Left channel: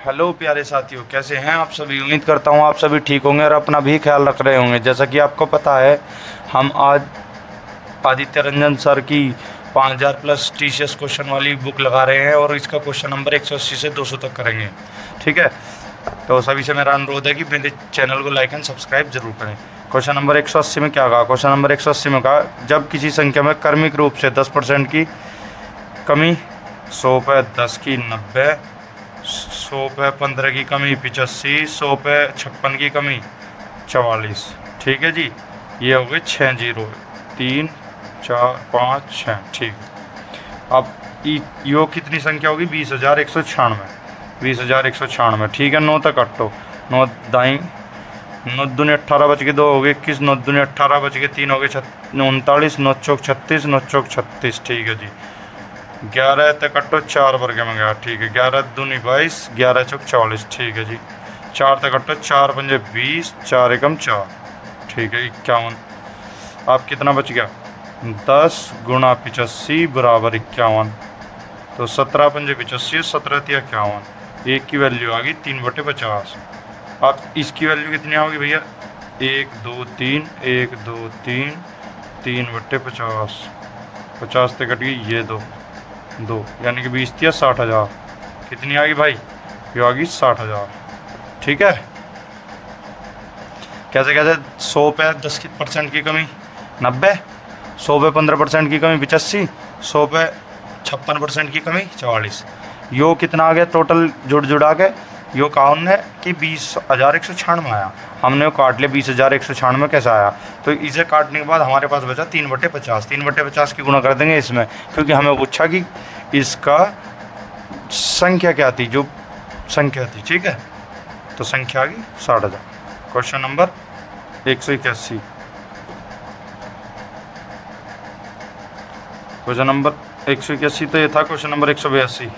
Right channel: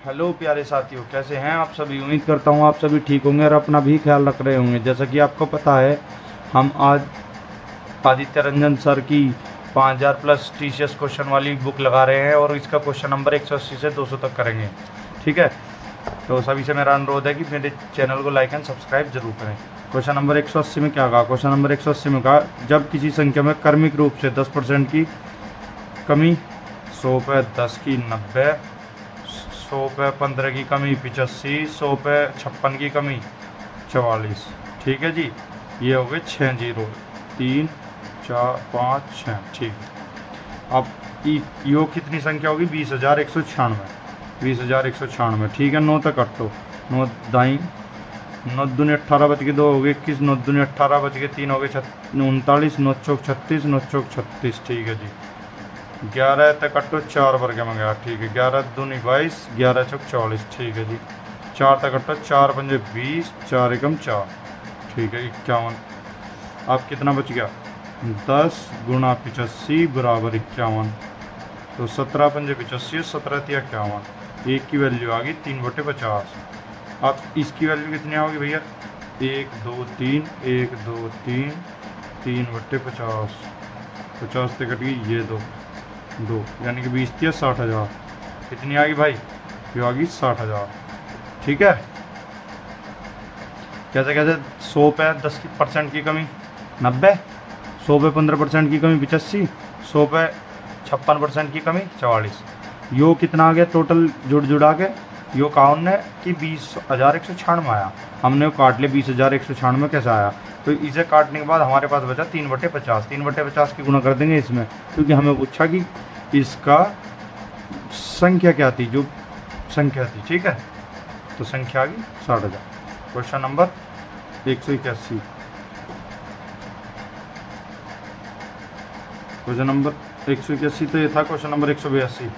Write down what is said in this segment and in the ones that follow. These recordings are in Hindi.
हेलो प्यारे साथियों, कैसे हैं आप सभी। उम्मीद करता हूँ आप सभी ठीक होंगे और अपना भी ख्याल रख रहे होंगे। जैसा कि आपको पता है, हम आज आदित्य रंजन सर की 5000 प्लस टीसीएस क्वेश्चन वाली बुक लगा रहे हैं और इसका क्वेश्चन नंबर 180 से 200 तक करेंगे। ठीक है, तो सभी से मेरा अनुरोध है कि मेरे चैनल को लाइक एंड सब्सक्राइब जरूर करें। क्वेश्चन नंबर 180 में क्या कहा। क्वेश्चन नंबर 180 में कहा, जब किसी संख्या में क्रमिक रूप से 10% की कमी 100 पे 10 की 90, 100 पे 15 की कमी 85, 100 पे 56 की कमी 44। ठीक है जी, ये हो गए 6 जीरो, 3 4 5 6। ठीक, अब यो कितनी संख्या होगी। 20,196, 20,196। ठीक है, 9 तक कटो। 9 दाई 9 दूनी 18 बच के 2 हो गए 21, 9 दूनी 18 बच के 3 हो गए 39, 9 चौक 36, 9 चौक 36। ठीक है जी, 11 तक कटो 4 वर्ग में गया। ठीक है, 11 दूनी 22, 11 चौक 44। ठीक है जी, 4 तक कटो 4 पंजे 20, 4 एकम 4। ठीक है, 51। आप कितना बच गया। 10 गुणा 85 बराबर 51। तो 17 पंजे 85, 17 तिया 51। एक की वैल्यू आ गई 3/50। अब इसकी वैल्यू कितनी होगी भैया। 1 2 3, 1 2 3, 3/50। 50 से कट गई ये 2, यानी कि 20 तिया 60,000। कितनी आ गई भाई, ये आ गई 60,000। ठीक है, कैसे कैसे। 100 पे 10% की कमी 90, 100 पे 15% की कमी 85, 100 पे 56% की कमी 44। यो कितना आ गया टोटल जुड़ा के। यो कहा हमने कि 20,196 आया, हमने वो काट लिया। 20,196 कैसा आया, तो इसे काटने के बाद हमारे पास बचा 3/50। 3/50 की गुणा कर देंगे इसमें, क्योंकि हमें पूछा कि इसका संख्या क्या थी, जो संख्या थी। ठीक है, तो संख्या आ गई 60,000। Question number 181। क्वेश्चन नंबर 181 तो ये था। Question number 182।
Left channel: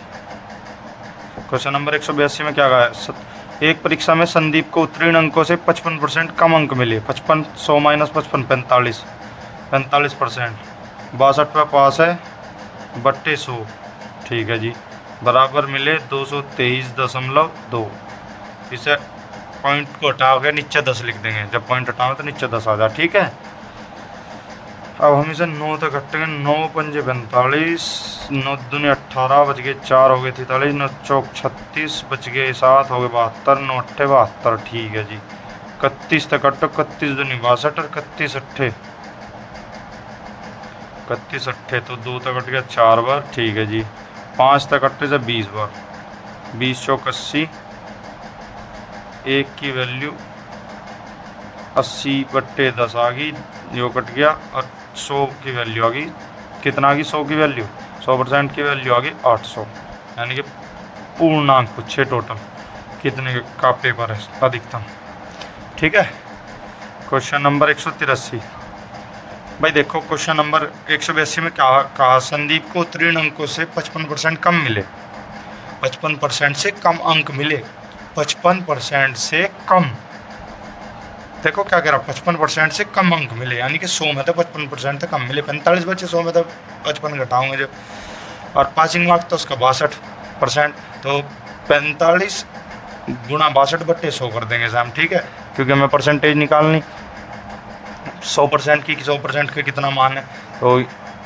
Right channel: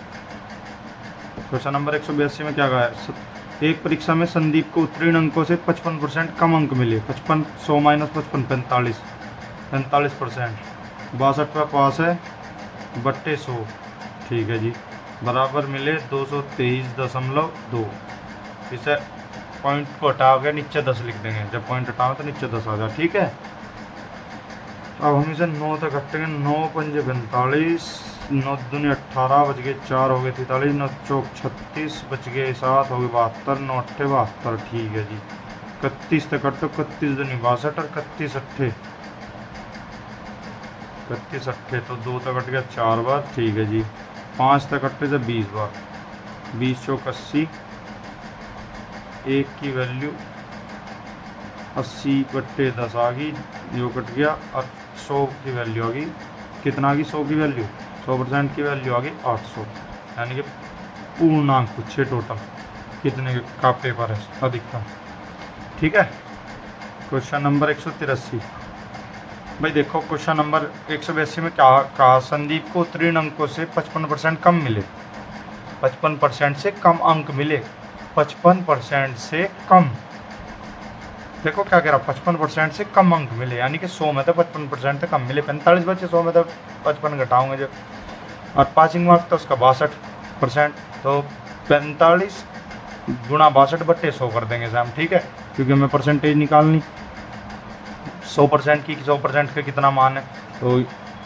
क्वेश्चन नंबर 182 में क्या कहा है। एक परीक्षा में संदीप को उत्तीर्ण अंकों से 55% कम अंक मिले। 55, 100 माइनस 55, 45, 45%। 62 पे पास है बट्टे 100। ठीक है जी, बराबर मिले 223.2। इसे पॉइंट को हटाओगे नीचे 10 लिख देंगे। जब पॉइंट हटाओगे तो नीचे 10 आ जाए। ठीक है, अब हम इसे 9 तक कटेंगे। 9 पंजे 45, 9 दूनी 18 बच गए 4 हो गए 43, 9 चौक 36 बच गए 7 हो गए 72, 9 अट्ठे 72। ठीक है जी, 31 तक कटो। 31 दूनी 62 और 31 अट्ठे 31 अट्ठे, तो 2 तक कट गया 4 बार। ठीक है जी, 5 तक कट्टे से 20 बार। 20 चौक 80, एक की वैल्यू 80/10 आ गई, जो कट गया। और 100 की वैल्यू आ गई, कितना आ गई 100 की वैल्यू, 100% की वैल्यू आ गई 800। यानी कि पूर्णांक पूछे टोटल कितने का पेपर है अधिकतम। ठीक है, क्वेश्चन नंबर 183। भाई देखो, क्वेश्चन नंबर 182 में क्या कहा। संदीप को उत्तीर्ण अंकों से 55% कम मिले। 55% से कम अंक मिले। 55% से कम, देखो क्या कह रहा। 55% से कम अंक मिले, यानी कि 100 में तो 55% से कम मिले। 45 बचे, 100 में तो 55 घटाओगे जो। और पासिंग मार्क तो उसका 62%। तो 45 गुणा 62/100 कर देंगे इसे हम। ठीक है, क्योंकि हमें परसेंटेज निकालनी 100% की। 100% का कितना मान है, तो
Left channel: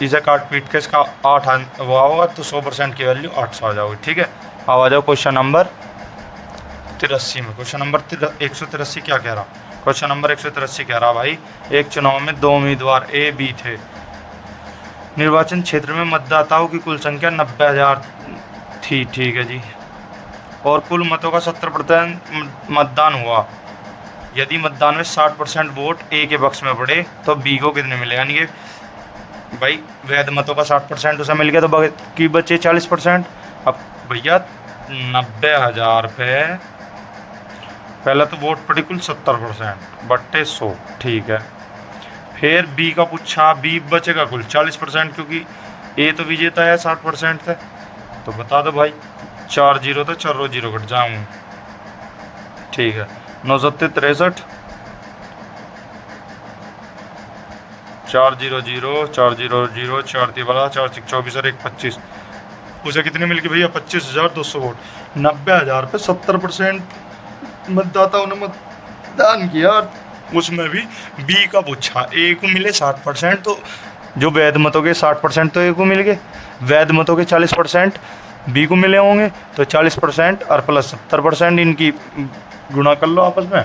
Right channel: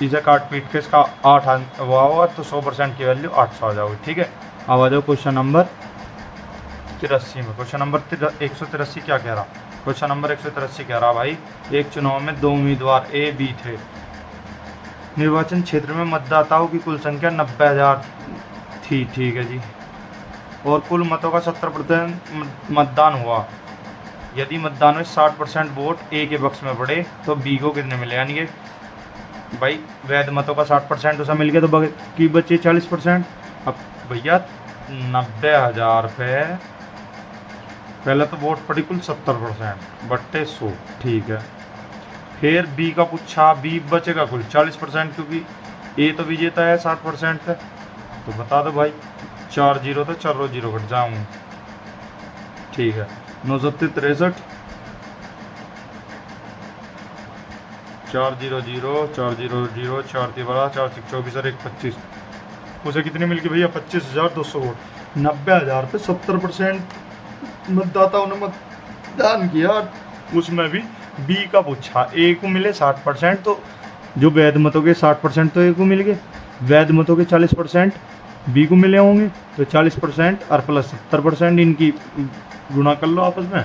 इसे काट पीट के इसका 8 वो होगा, तो 100% की वैल्यू 800 आ जाओगी। ठीक है, अब आ जाओ क्वेश्चन नंबर 83 में। क्वेश्चन नंबर 183 क्या कह रहा। क्वेश्चन नंबर 183 कह रहा भाई, एक चुनाव में 2 उम्मीदवार ए बी थे। निर्वाचन क्षेत्र में मतदाताओं की कुल संख्या 90,000 थी। ठीक है जी, और कुल मतों का 70% मतदान हुआ। यदि मतदान में 60% वोट ए के पक्ष में पड़े तो बी को कितने मिले। यानी कि भाई वैध मतों का 60% उसे मिल गया, तो बाकी बचे 40%। अब भैया 90,000 पे पहला तो वोट पड़ी कुल 70/100। ठीक है, फिर बी का पूछा, बी बचेगा कुल 40%, क्योंकि ए तो विजेता है 60% से। तो बता दो भाई, 4 जीरो तो 4 जीरो कट जाऊँ। ठीक है, 9 7 63, 4 0 0, 4 0 0, 4 3 12, 4 6 24 और 1 25। उसे कितने मिल गए भैया 25,200 वोट। 90,000 पे 70% मतदाताओं ने मतदान किया, उसमें भी बी का पूछा। ए को मिले 60%, तो जो वैध मतों के 60% तो ए को मिल गए, वैध मतों के 40% बी को मिले होंगे, तो 40% और प्लस 70% इनकी गुणा कर लो आपस में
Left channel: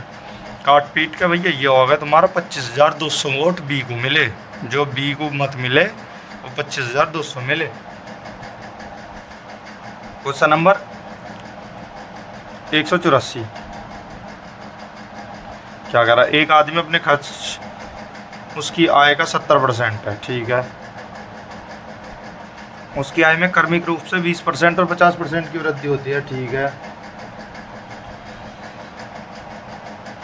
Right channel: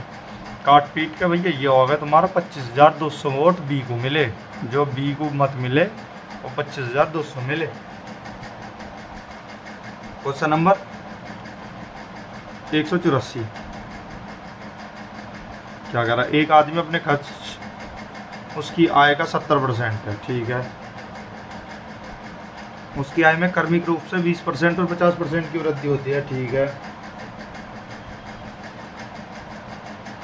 काट पीट के भैया, ये होगा तुम्हारा 25,200 वोट बी को मिले। जो बी को मत मिले वो 25,200 मिले। क्वेश्चन नंबर 184 क्या कह रहा है, एक आदमी अपने खर्च उसकी आय का 70% है, ठीक है। उसकी आय में क्रमिक रूप से 20% और 50% की वृद्धि होती है, ठीक है।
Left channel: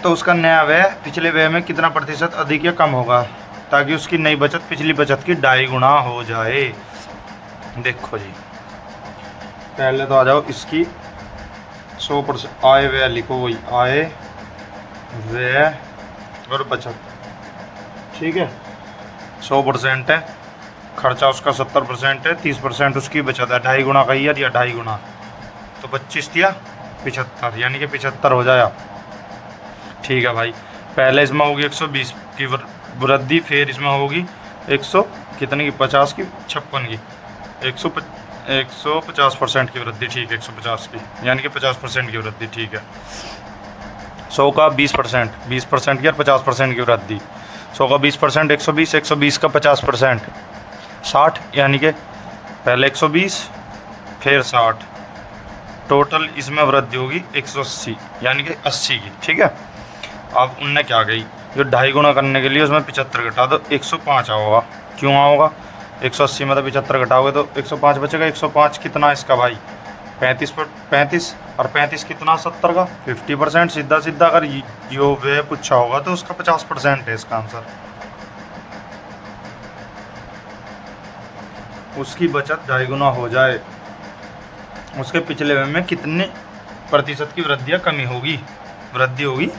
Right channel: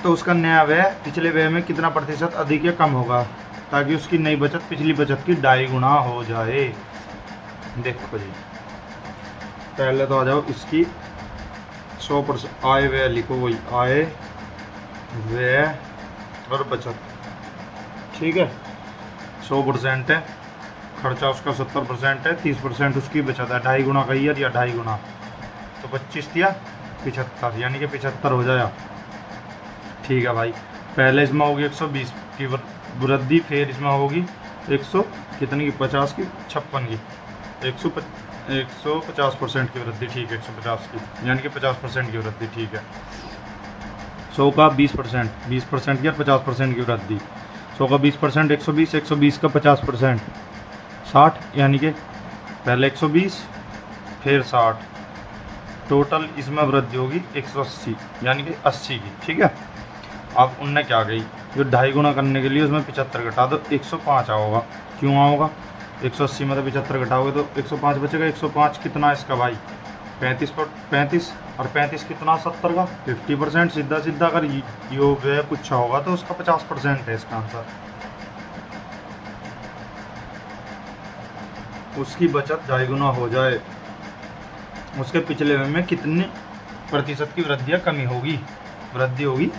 तो उसका नया व्यय पिछले व्यय में कितना प्रतिशत अधिक या कम होगा, ताकि उसकी नई बचत पिछली बचत की 2.5 गुना हो जाए। देखो जी, पहले तो आ जाओ इसकी 100% आय व्यय लिखो, वही आय व्यय और बचत, ठीक है। 100% है खर्चा, उसका 70% है, 30% उसकी बचत है, 2.5 गुना का ईयर या 2.5 गुना, तो 25 या 75, यानी कि 75 हो जाएगा, ठीक है भाई। पहले इसमें होगी 120 की वृद्धि, फिर इसमें होगी 100 कितने की 50 की 56 की 150% की वृद्धि, ठीक है। 150 की यानी कि 50% की वृद्धि, ठीक है। 100 का 20%, 20% की और 50% की वृद्धि। 100 का 20%, 120, 120 का 50%, 60, यानी कि पहले 120 फिर 60, टोटल इसमें वृद्धि होगी 180 यानी कि 80 की, ठीक है। अब उनने क्या कही, जो 2.5 गुना करने के लिए उसमें 75 घटा दो, 105 आओगा। क्यों आओगा, 180 में तो 75 घटाओगे तो 105 बचेगा। 105 कितना इसका भाई 35 पर 35, और 35 कितना 70 का 50%। सीधा सीधा अगर जो व्यय पूछा होगा तो उसका 50% है इसका आंसर। उसकी बचत 2.5 गुना हो जाए, उसके पिछले व्यय में कितने प्रतिशत की वृद्धि या कमी होगी, वृद्धि होगी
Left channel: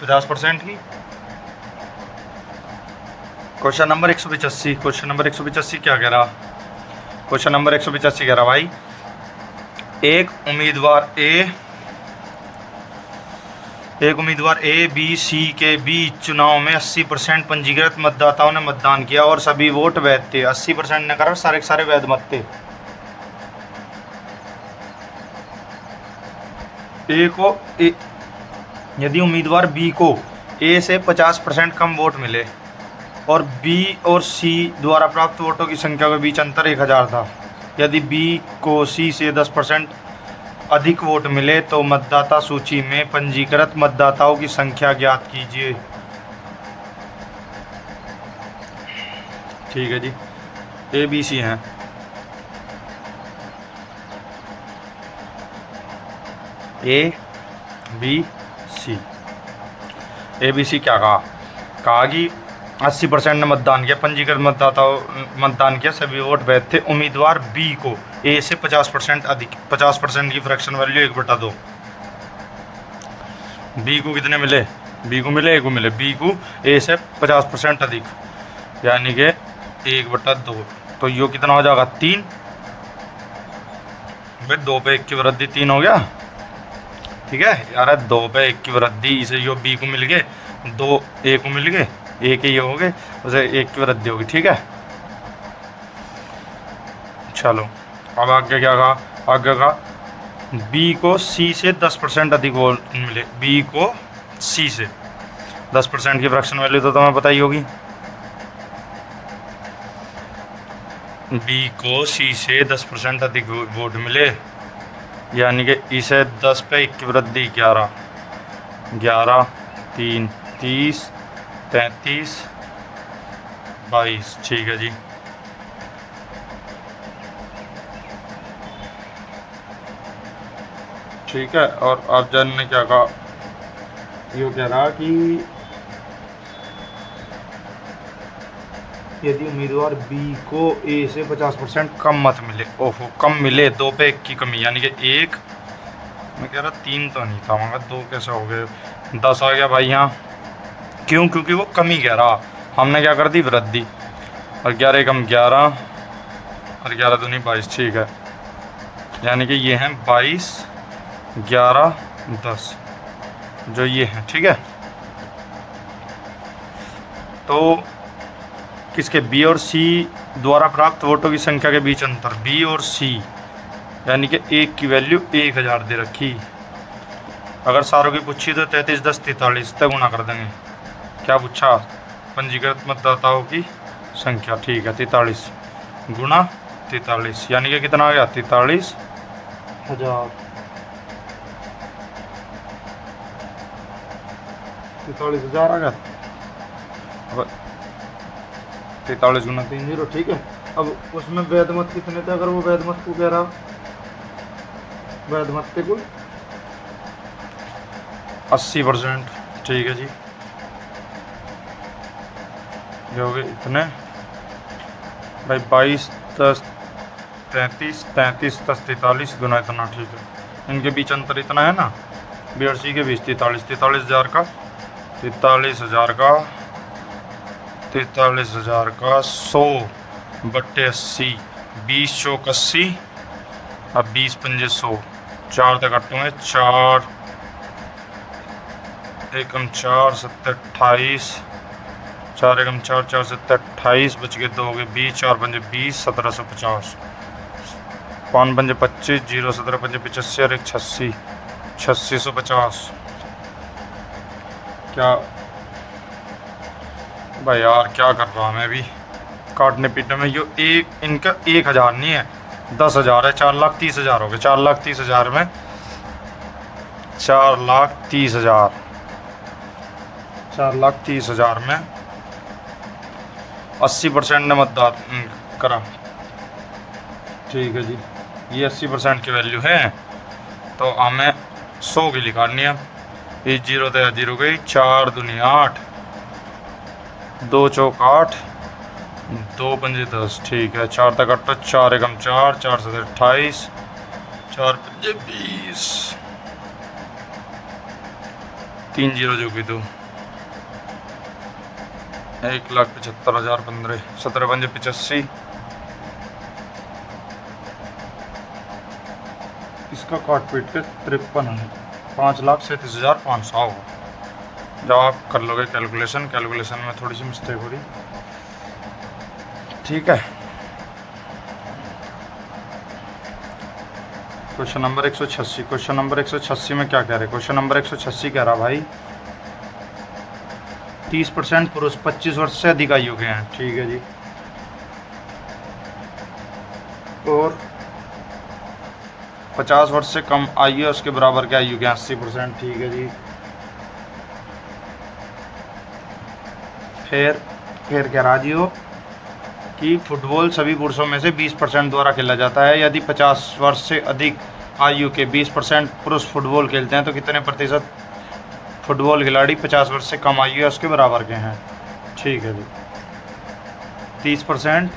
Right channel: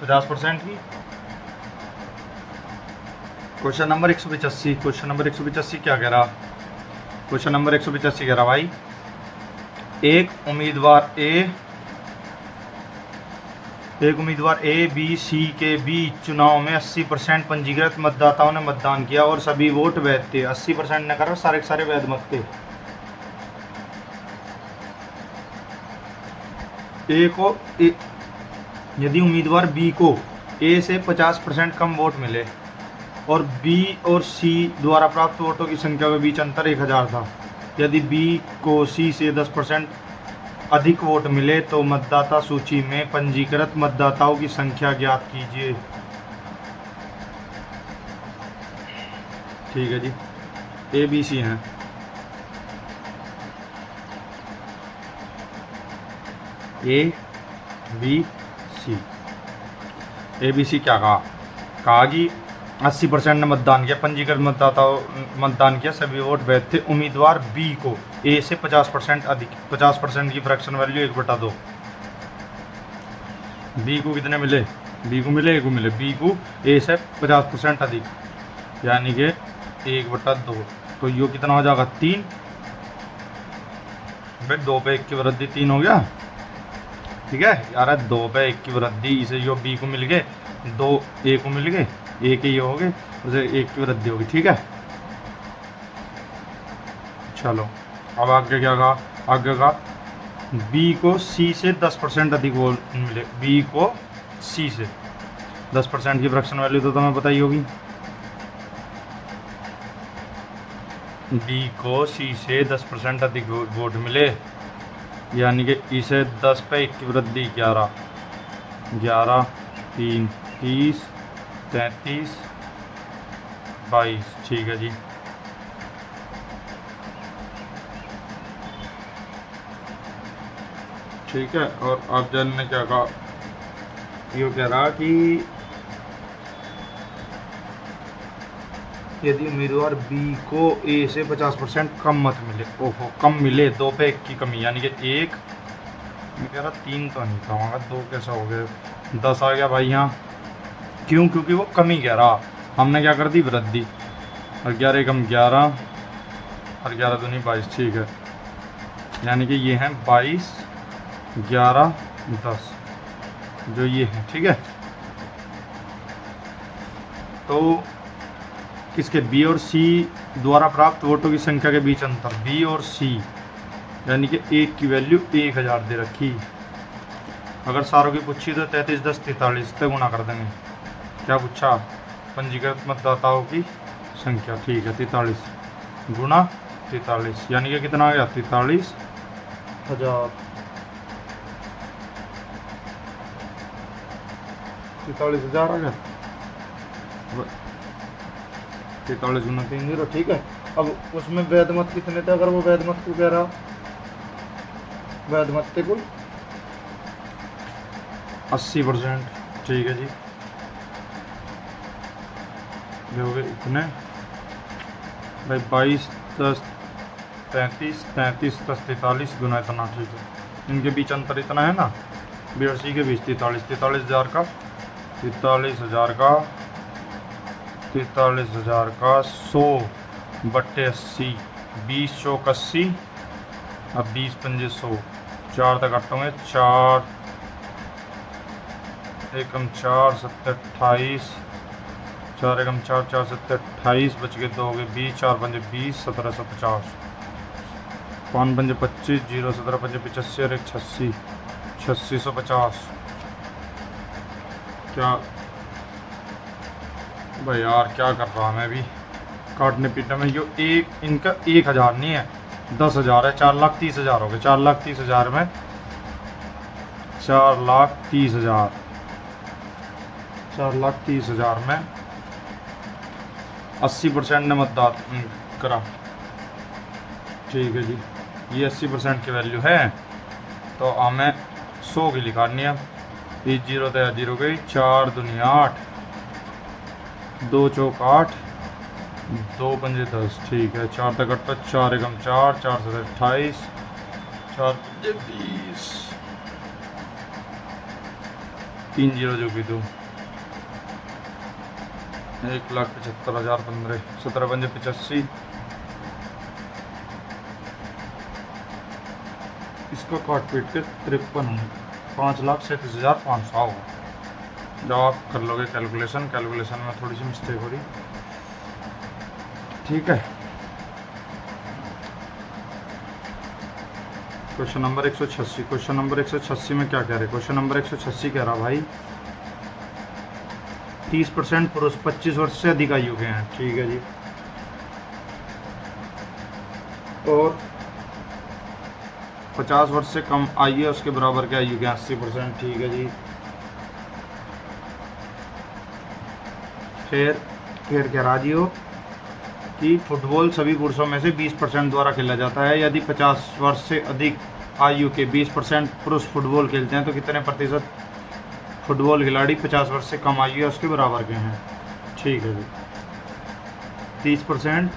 50% की। क्वेश्चन नंबर 185, क्वेश्चन नंबर 185 क्या कह रहा, क्वेश्चन नंबर 185 कह रहा भाई, एक उम्मीदवार ए बी सी के बीच चुनाव में 80% पंजीकृत मतदाताओं ने मतदान किया और सभी वोट वैध थे। 80% ने करा सारे सारे वैध मत थे। यदि उम्मीदवार बी को ए से 50% कम वोट मिले और बी और सी द्वारा प्राप्त वोटों की संख्या के बीच अंतर 1000 था, यदि बी को सी से 10% अधिक वोट मिले तो मतदाता सूची में पंजीकृत मतदाताओं की संख्या ज्ञात कीजिए। ठीक है जी, ए बी सी हैं। A B C, A B C क्या कहा कि 80% ने मतदान किया, पंजीकृत मतदाताओं मतदान किया, सभी वोट वैध थे। उम्मीदवार बी को ए से 50% अधिक, 50% की फ्रैक्शन वैल्यू 1/2। बी को कितने मिले, बी को मिले, ए को मिले। बी को ए से 50% अधिक यानी कि 1/2, तो यो कितना हो जाएगा 3। भाई 2 पे 1 की वृद्धि 3 हो गया, ठीक है यार। 2 पे 1 की वृद्धि, इसे जो बी को मिल गए, 2 ए को मिल गए, एक ही हो गए, उसे 1 की वृद्धि होगी, ठीक है। चलो अब आगे क्या कहा, आगे कहा बी को सी से 10% अधिक वोट मिले। बी को सी से 10% की फ्रैक्शन वैल्यू तो तुम्हें पता ही होगी। बी को सी से 10% अधिक वोट मिले, यानी कि इसे 10 पे 1 की वृद्धि 11, 3 30 33 22, ठीक है जी। ठीक है, और अब जन ने क्या कहा, ये कह रहा कि यदि उम्मीदवार बी को ए से 50% कम मत मिले, ओहो कम मिले, 2 पे 1 की कमी, यानी कि 1, मैं कह रहा 3 तो नहीं खाऊंगा, 2 कैसे हो गए, 10 आ गया भाई यहाँ। क्यों, क्योंकि वो कमी कह रहा, हमने क्या कर दी वृद्धि, और 11 कम 11, और 11 दूनी 22, ठीक है। यानी कि ये हैं 22, 11, 10 जो ये हैं, ठीक है। तो किसके बी और सी द्वारा प्राप्त वोटों की संख्या के बीच अंतर, बी और सी, यानी कि एक की वैल्यू 1000 दे रखी। अगर सारों की पूछी तो 33, 10, 43 तक गुणा कर देंगे। क्या पूछा, पंजीकृत मतदाताओं की संख्या, ठीक है। 43 गुणा 43 यानी कि कितना आ गया, 43,000। 43,000 आ गया। 43 गुना 30, ठीक है। अब उसमें वैध मत कितने थे, अगर वो वैध मत को कह रहा, वैध मत थे कुल 80%, ठीक है जी। जो भी इतने भाई 22, 10, 33, 33, 10, 43 गुना इतना, ठीक है। इनके बीच अंतर इतना है ना, बी और सी के बीच 43, 43,000 का 100/80, 20 चौक 80, अब 20 पंजे 100, 4 तक कटोगे, 4 एकम 4, 7, 28, 4 एकम 4, 4, 7, 28, बच के 2 के 20, 4 पंजे 20, 1750, 5 पंजे 25, 0, 17 पंजे 85 और 1 86, 8650। क्या भाई यार, क्या कर रहा हूँ मैं अभी काटने पीटने में। यो एक इनका 1000 नहीं है, 10,000 है। 4,30,000 हो गए। 4,30,000 में 4,30,000, 4,30,000 में 80% ने मतदान करा, ठीक है जी। ये 80% की वैल्यू है, तो हमें 100 की लिखानी है। ये 0 तो 0 गई, 4 दूनी 8, 2 चौक 8, 2 पंजे 10, ठीक है। 4 तक 8, 4 एकम 4, 4 से 28, 4 पंजे 20, 3 0 जो की 2, 1,75,015, 17 पंजे 85, इसका काट पीट के 53 है, 5,37,500 होगा। जब आप कर लोगे कैलकुलेशन में थोड़ी सी मिस्टेक हो रही, ठीक है। क्वेश्चन नंबर 186, क्वेश्चन नंबर 186 में क्या कह रहे, क्वेश्चन नंबर 186 कह रहा भाई 30% पुरुष 25 वर्ष से अधिक आयु के हैं, ठीक है जी। और 50 वर्ष से कम आयु है उसके बराबर के आयु के 80%, ठीक है जी। फिर कह रहा जी हो कि फुटबॉल सभी पुरुषों में से 20% द्वारा खेला जाता है। यदि 50 वर्ष से अधिक आयु के 20% पुरुष फुटबॉल खेलते हैं तो कितने प्रतिशत फुटबॉल खिलाड़ी 50 वर्ष से कम आयु है उसके बराबर के हैं, ठीक है जी। 30%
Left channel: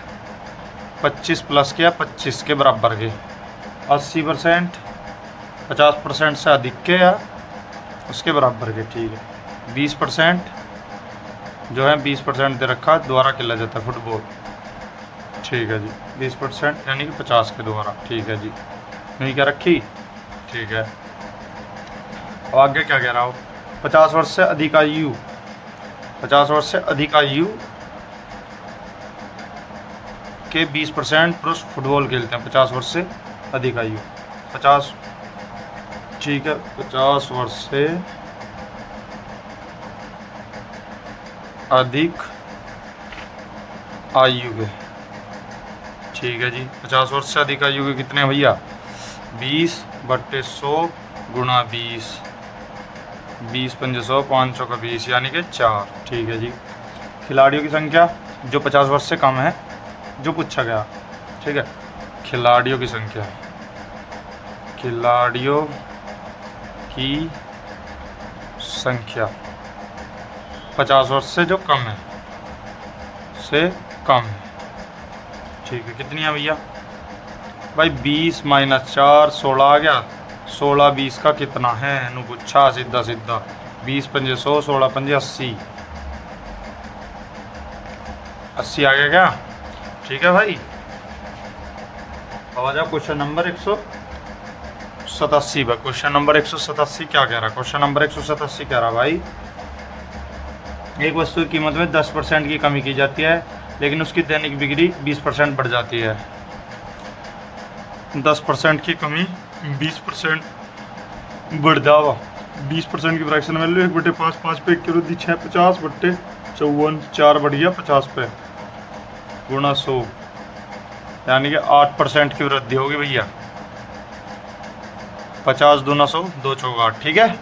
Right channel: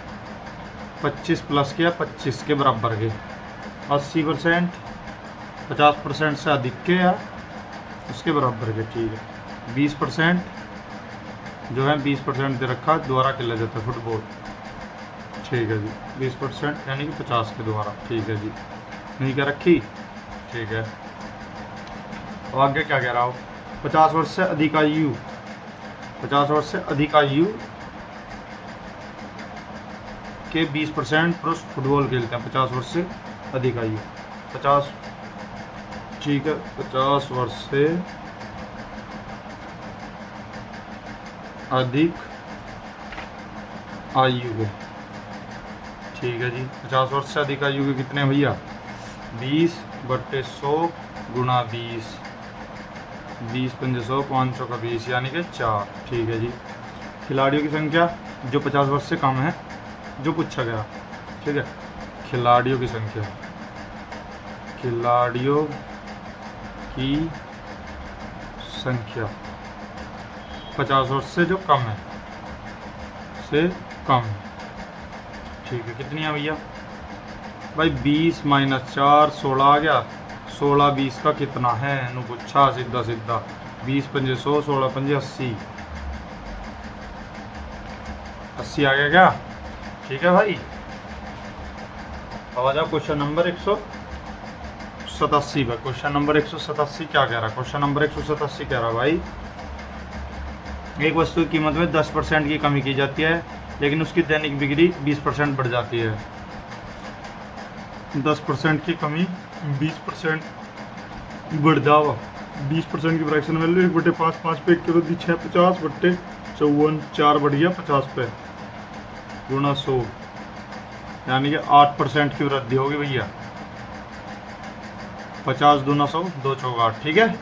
25 प्लस के या 25 के बराबर के, 80% 50% से अधिक के या उसके बराबर के, ठीक है। 20% जो है 20% दे रखा द्वारा खेला जाता है फुटबॉल, ठीक है जी। 20% यानी कि 50 के द्वारा, ठीक है जी। नहीं क्या रखी, ठीक है। अब आगे क्या कह रहा हो, 50 वर्ष से अधिक आयु, 50 वर्ष से अधिक आयु के 20% पुरुष फुटबॉल खेलते हैं। 50 वर्ष से अधिक आयु, 50, ठीक है। 50 वर्ष से अधिक आयु के, ठीक है जी। 50 वर्ष से अधिक आयु के कितने हैं भैया, 20/100 गुणा 20, 20 पंजे 100, 500 का 20 यानी कि 4, ठीक है जी। खिलाड़ियों की संख्या जो 50 वर्ष से कम है, जो पूछा गया, ठीक है। खिलाड़ियों की संख्या, खिलाड़ियों की संख्या 50 वर्ष से जो कम है, से कम है, ठीक है। कितनी है भैया भाई, 20 - 4 16 आ गया। 16 20 का कितना है, नु पूछा सीधा सीधा। 20 पंजे 100, 16 पंजे 80, 80 आ गया क्या, ठीक है भाई। आ जाओ क्वेश्चन नंबर 187 पर। क्वेश्चन नंबर 187 क्या कह रहा? क्वेश्चन नंबर 187 कह रहा भाई, एक वस्तु की कीमत में 10% की कमी की जाती है, लेकिन उसकी दैनिक बिक्री 20% बढ़ जाती है। 10% की कमी 20% बढ़ जावा। 20% की फ्रैक्शन वैल्यू 1/5, 5 पे 1 की वृद्धि 6, 50/54, 4 बढ़ गया 50 पे गुणा 100, यानी कि 8% की वृद्धि होगी भैया। 50 दूना 100, 2 चौका 8, ठीक है।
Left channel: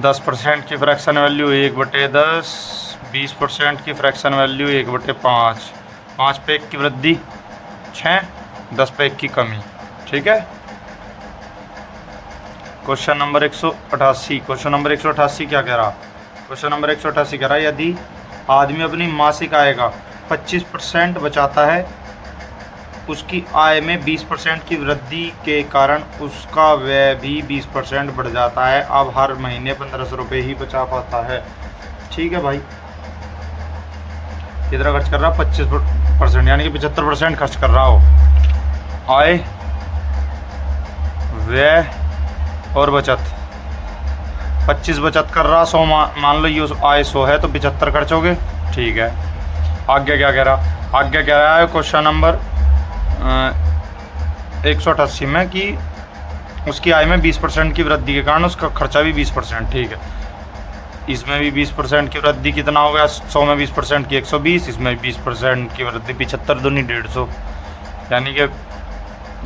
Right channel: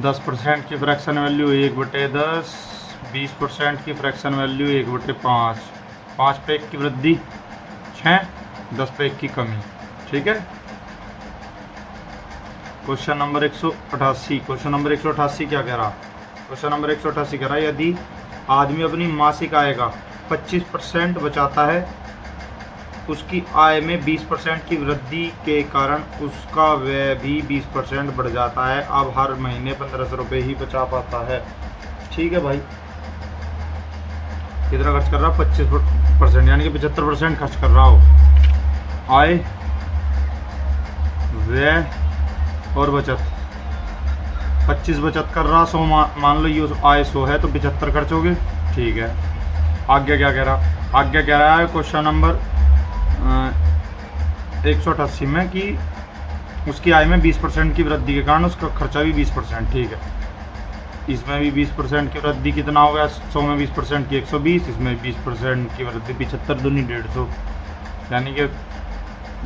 10% की फ्रैक्शन वैल्यू 1/10, 20% की फ्रैक्शन वैल्यू 1/5, 5 पे 1 की वृद्धि 6, 10 पे 1 की कमी, ठीक है। Question number 188। क्वेश्चन नंबर 188 क्या कह रहा? क्वेश्चन नंबर 188 कह रहा, यदि आदमी अपनी मासिक आय का 25% बचाता है, उसकी आय में 20% की वृद्धि के कारण उसका व्यय भी 20% बढ़ जाता है। अब हर महीने 1500 रुपये ही बचा पाता है, ठीक है भाई। कितना खर्च कर रहा? 25%, यानी कि 75% खर्च कर रहा हो। आय, व्यय और बचत। 25 बचत कर रहा, 100 मान लो ये आय 100 है तो 75 खर्चोगे, ठीक है। आगे क्या कह रहा? आगे कह रहा है क्वेश्चन नंबर 188 में कि उसकी आय में 20% की वृद्धि के कारण उसका खर्चा भी 20%, ठीक है। इसमें भी 20% की वृद्धि कितना हो गया? 100 में 20% की 120, इसमें 20% की वृद्धि 75 दूनी 150, यानी कि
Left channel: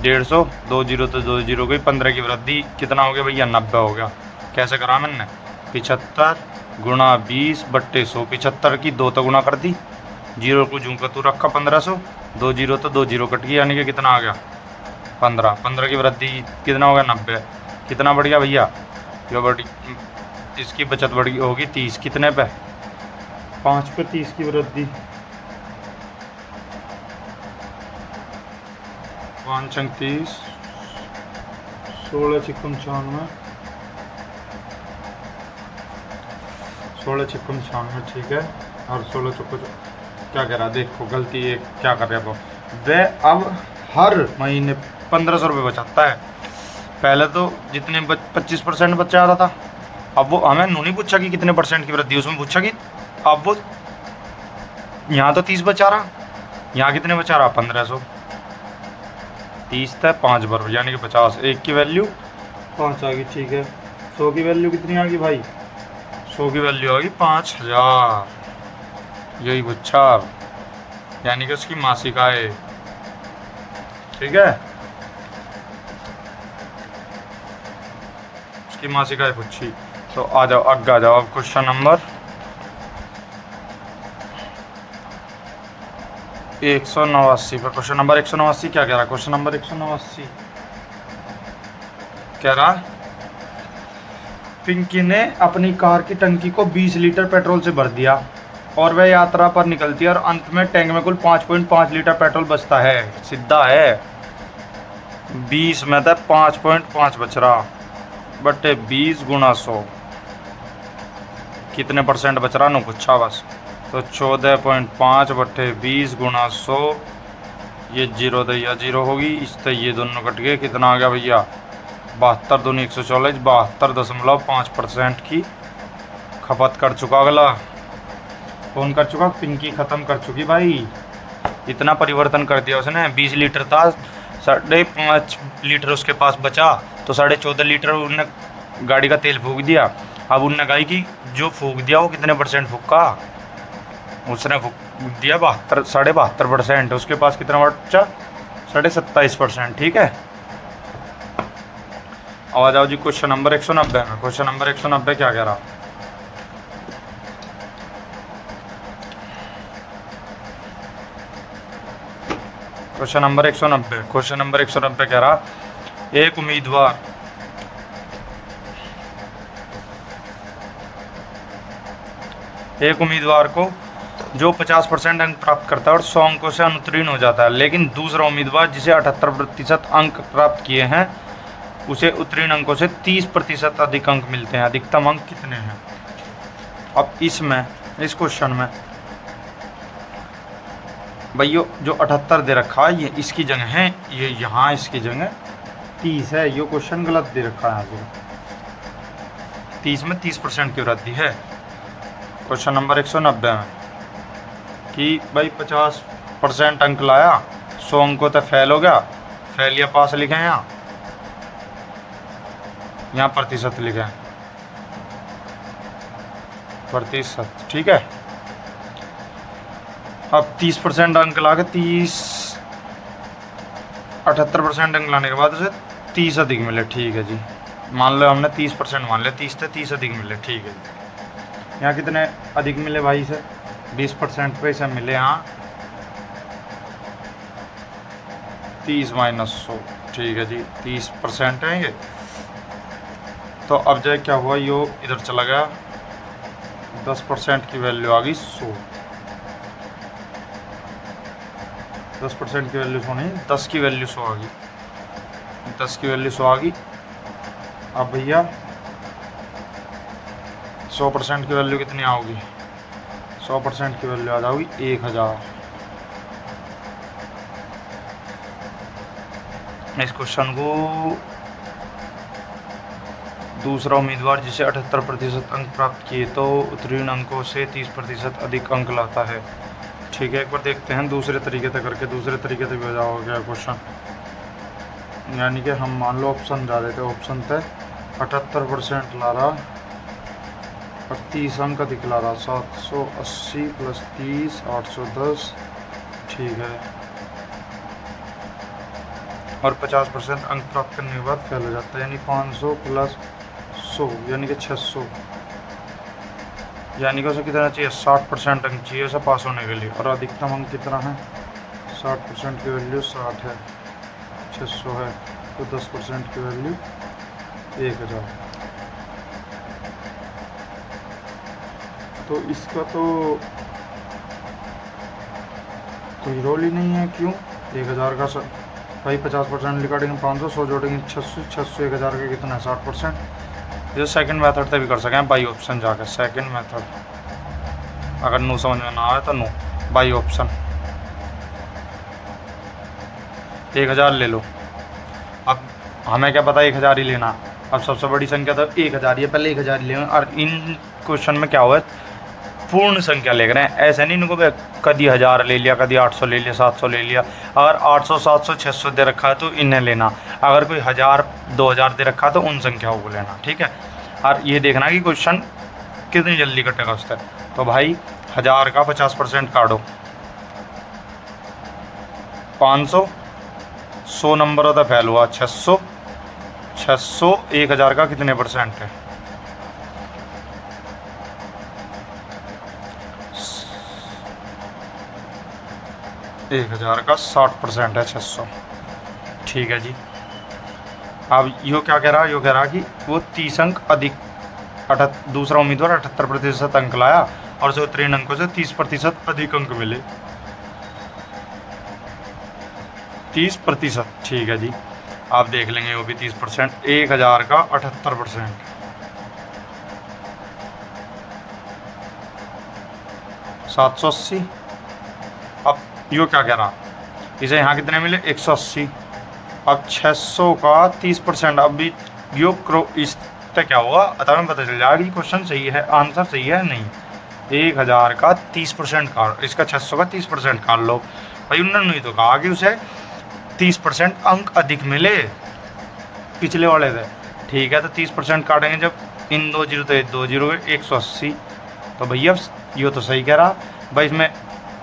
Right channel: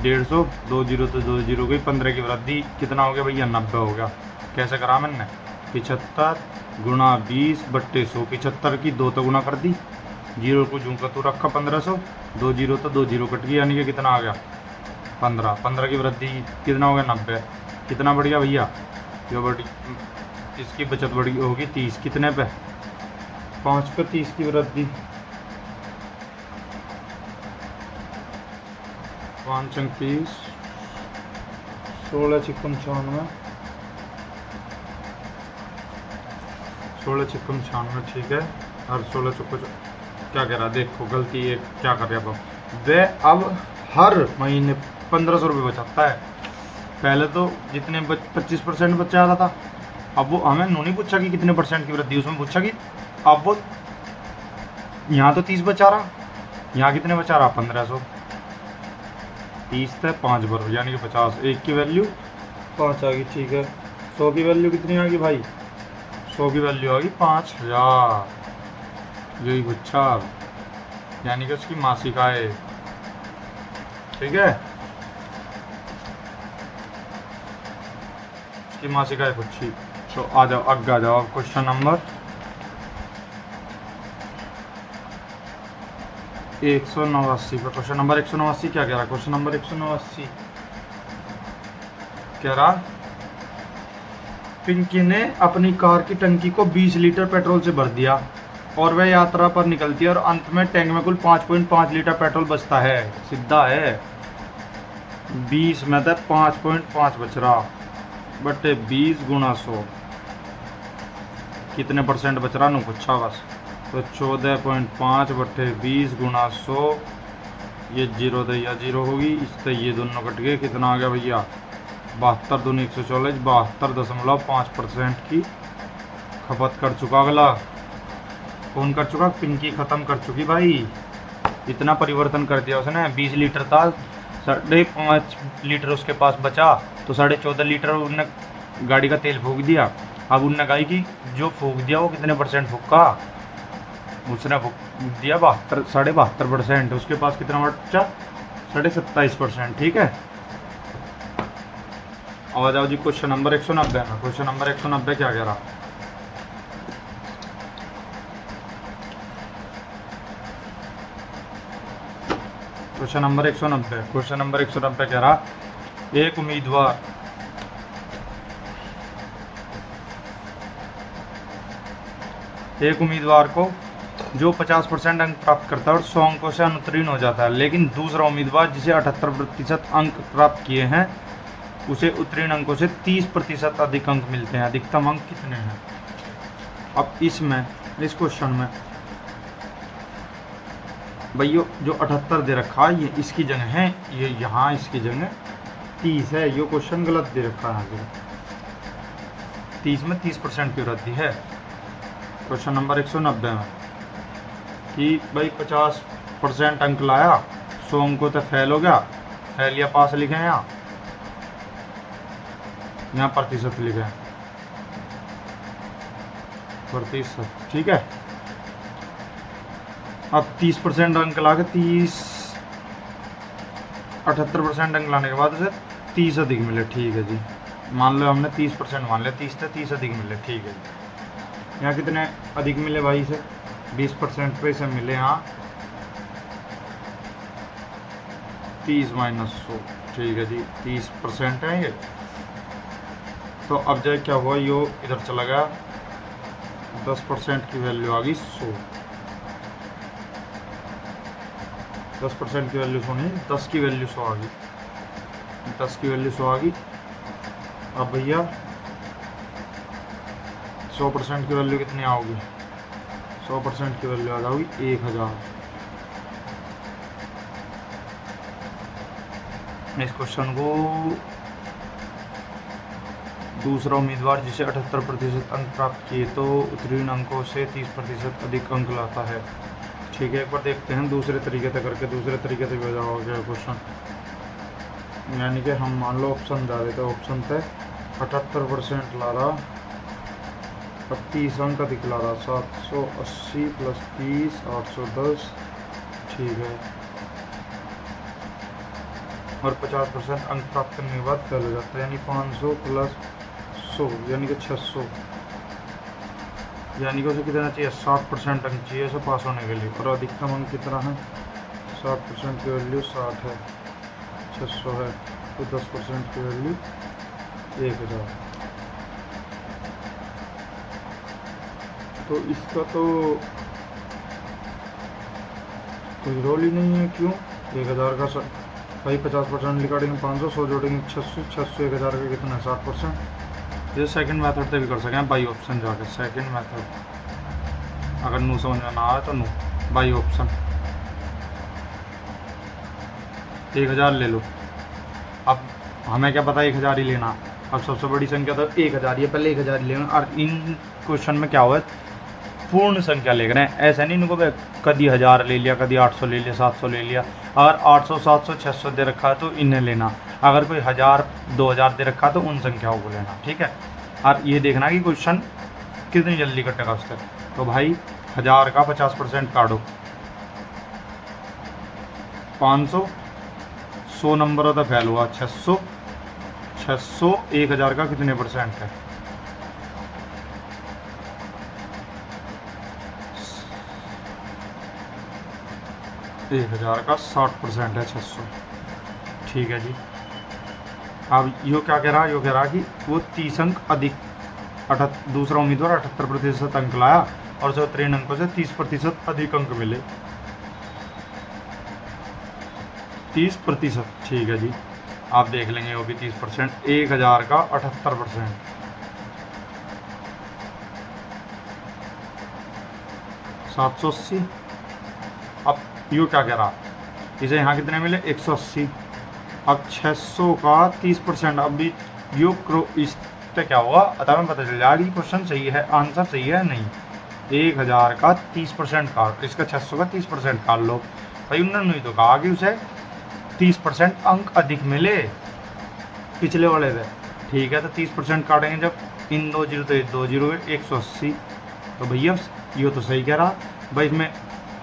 150, 2 जीरो तो 2 जीरो गई, 15 की वृद्धि कितना हो गया भैया? 90 हो गया। कैसे करा मैंने? 75 गुणा 20/100, 75 की 2 तो गुणा कर दी, जीरो को जूं का तू रखा 1500, 2 जीरो तो 2 जीरो कट गई, यानी कि कितना आ गया? 15। 15 की वृद्धि कितना हो गया? 90। कितना बढ़ गया भैया? जो बढ़ी इसकी बचत बढ़ी होगी 30, कितने पे? 5 पे 30 की वृद्धि, 5 अंक 30, 16 चिक्कम 96, 16 चिक्कम 96, ठीक है। और 16 चौको क्या कह रहा? देखो गलती ये क्या कर रहे हैं वह अब हर महीने 1500 रुपये बचाता है। पहले तो जितने 25% बचा रहा था, अब वो हमें नहीं पूछा कि कितने % की वृद्धि, उसमें पूछा कि अब वो यहाँ तो 30 बचा रहा, यहाँ कितने बचा रहा? 1500। 30 था 5 बार, यानी कि 50। 1 की वैल्यू 5 आ गई, ठीक है। 100 की वैल्यू कितनी आ गई भाई? 100 की वैल्यू आ गई 5000, यही पूछा, यानी कि उसकी मासिक आय, ठीक है। उसकी मासिक आय पूछी। तो आ जाओ आगे आ जाओ, अब क्वेश्चन नंबर 189 पर। क्वेश्चन नंबर 189 क्या कह रहा? क्वेश्चन नंबर 189 कह रहा, पिंकी ने अपनी कार की टंकी को 20 लीटर पेट्रोल से भर दिया और वह यात्रा पर निकलती है और अंत में टैंक में कुल 5.5 लीटर पेट्रोल बचता है। सीधा है, 20 में था 5.5 बच रहा, बटे 20 गुणा 100, कितने % बच रहा? नो पूछा बस। तो 14.5 बटे 20 गुणा 100, ये जीरो तो या जीरो होगी, इससे ये दोनों कट गए, कितना आ गया भैया? 72 दूनी 144, 72.5% की खपत कर चुका। अगला कौन कर चुका? पिंकी खत्म कर चुकी भाई। इतना परिवर्तन कर दिया उसने। 20 लीटर था, 5.5 लीटर उसके पास बचा, तो 14.5 लीटर उनने गाड़ी का तेल फूक दिया। अब उनने कहा कि जो फूक दिया वो कितने % फूका? उसने फूक दिया 72.5%। उसके पास कितना बचा? 27.5%, ठीक है। अब आ जाओ जी क्वेश्चन नंबर 190 में। क्वेश्चन नंबर 190 क्या कह रहा? Question number 190। क्वेश्चन नंबर 190 कह रहा, एक उम्मीदवार को जो 50% अंक प्राप्त करता है और 100 अंकों से अनुत्तीर्ण हो जाता है, लेकिन दूसरा उम्मीदवार जिसे 78% अंक प्राप्त किए हैं उसे उत्तीर्ण अंकों से 30% अधिक अंक मिलते हैं। अधिकतम अंक कितने हैं? अब इस क्वेश्चन में भाई यो जो 78 दे रखा है ये इसकी जगह है, ये यहाँ इसकी जगह 30 है। ये क्वेश्चन गलत दे रखा है यहाँ पे। 30 में 30% की वृद्धि है। क्वेश्चन नंबर 190 में कि भाई 50% अंक लाया, 100 अंकों तक फेल हो गया, फेल या पास लिखे हैं, यहाँ प्रतिशत लिखे हैं, प्रतिशत, ठीक है। अब 30% अंक ला के 78% अंक लाने के बाद उसे 30 अधिक मिले, ठीक है जी। मान लो हमने 30% मान लिया, 30 थे 30 अधिक मिले, ठीक है। यहाँ कितने अधिक मिले भाई से? 20% पे से मिले यहाँ 30 माइनस 100, ठीक है जी। 30% है ये। तो अब जो क्या हुआ, यो इधर चला गया, 10% की वैल्यू आ गई 100। 10% की वैल्यू 100 नहीं, 10 की वैल्यू 100 आ गई, 10 की वैल्यू 100 आ गई। अब भैया 100% की वैल्यू कितनी आओगी? 100% की वैल्यू आ जाओगी 1000। इस क्वेश्चन को दूसरा उम्मीदवार जिसे 78% अंक प्राप्त किए तो उत्तीर्ण अंकों से 30% अधिक अंक लाता है, ठीक है। एक बार देखते हैं दूसरे तरीके से करके, दूसरे तरीके से भी हो जाओगे क्वेश्चन। यानी कि हम मान लो ऑप्शन जा रहे थे, ऑप्शन थे 78% ला रहा और 30 अंक अधिक ला रहा, 780 प्लस 30 810, ठीक है। और 50% अंक प्राप्त करने के बाद फेल हो जाता है, यानी 500 प्लस 100 यानी कि 600, यानी कि उसे कितना चाहिए? 60% अंक चाहिए उसे पास होने के लिए। और अधिकतम अंक कितना है? 60% की वैल्यू 60 है, 600 है, तो 10% की वैल्यू 1000। तो इसका तो कोई रोल ही नहीं है, क्यों? 1000 का भाई 50% निकालेंगे 500, 100 जोड़ेंगे 600, 600 1000 का कितना है? 60%। ये सेकंड मेथड से भी कर सकें बाई ऑप्शन जाकर, सेकंड मेथड। अगर नो समझ में ना आए तो नो, बाई ऑप्शन 1000 ले लो। अब हमें क्या पता 1000 ही लेना, अब सबसे बड़ी संख्या तो 1000 ही है, पहले 1000 ही लेना। और इन क्वेश्चन में क्या हुआ है, पूर्ण संख्या ले रहे हैं, ऐसे नहीं इनको कभी 1000 ले लिया, कभी 800 ले लिया, 700 ले लिया। अगर 800 700 600 दे रखा है तो इन्हें लेना, अगर कोई 1000 2000 दे रखा है तो उन संख्याओं को लेना, ठीक है। और ये देखना कि क्वेश्चन कितनी जल्दी कटेगा उस तक। तो भाई 1000 का 50% काटो, 500, 100 नंबर होता फेल हुआ, 600, 600 1000 का कितने परसेंट है? 1000 का 60% है 600, ठीक है जी। अब यो क्या कह रहा है, यो कह रहा कि वो 30 अंक अधिक, दूसरा उम्मीदवार 78% अंक लाया और जो 3 अंकों से 30% अधिक अंक मिले, 30%, ठीक है जी। आप देख लेंगे वो भी 30%, 1000 का 78%, 780। अब यो क्या कह रहा, इसे यहाँ कितने मिले? 180। अब 600 का 30%, अब भी यो इस तक क्या हुआ तब पता चल जाएगा कि क्वेश्चन सही है, आंसर सही है नहीं। 1000 का 30% काट, इसका 600 का 30% काट लो। भाई उन्होंने नहीं तो कहा कि उसे 30% अंक अधिक मिले पिछले वाले से, ठीक है। तो 30% काटेंगे जब, इन 2 जीरो तो 2 जीरो 180, तो भैया ये तो सही कह रहा भाई, इसमें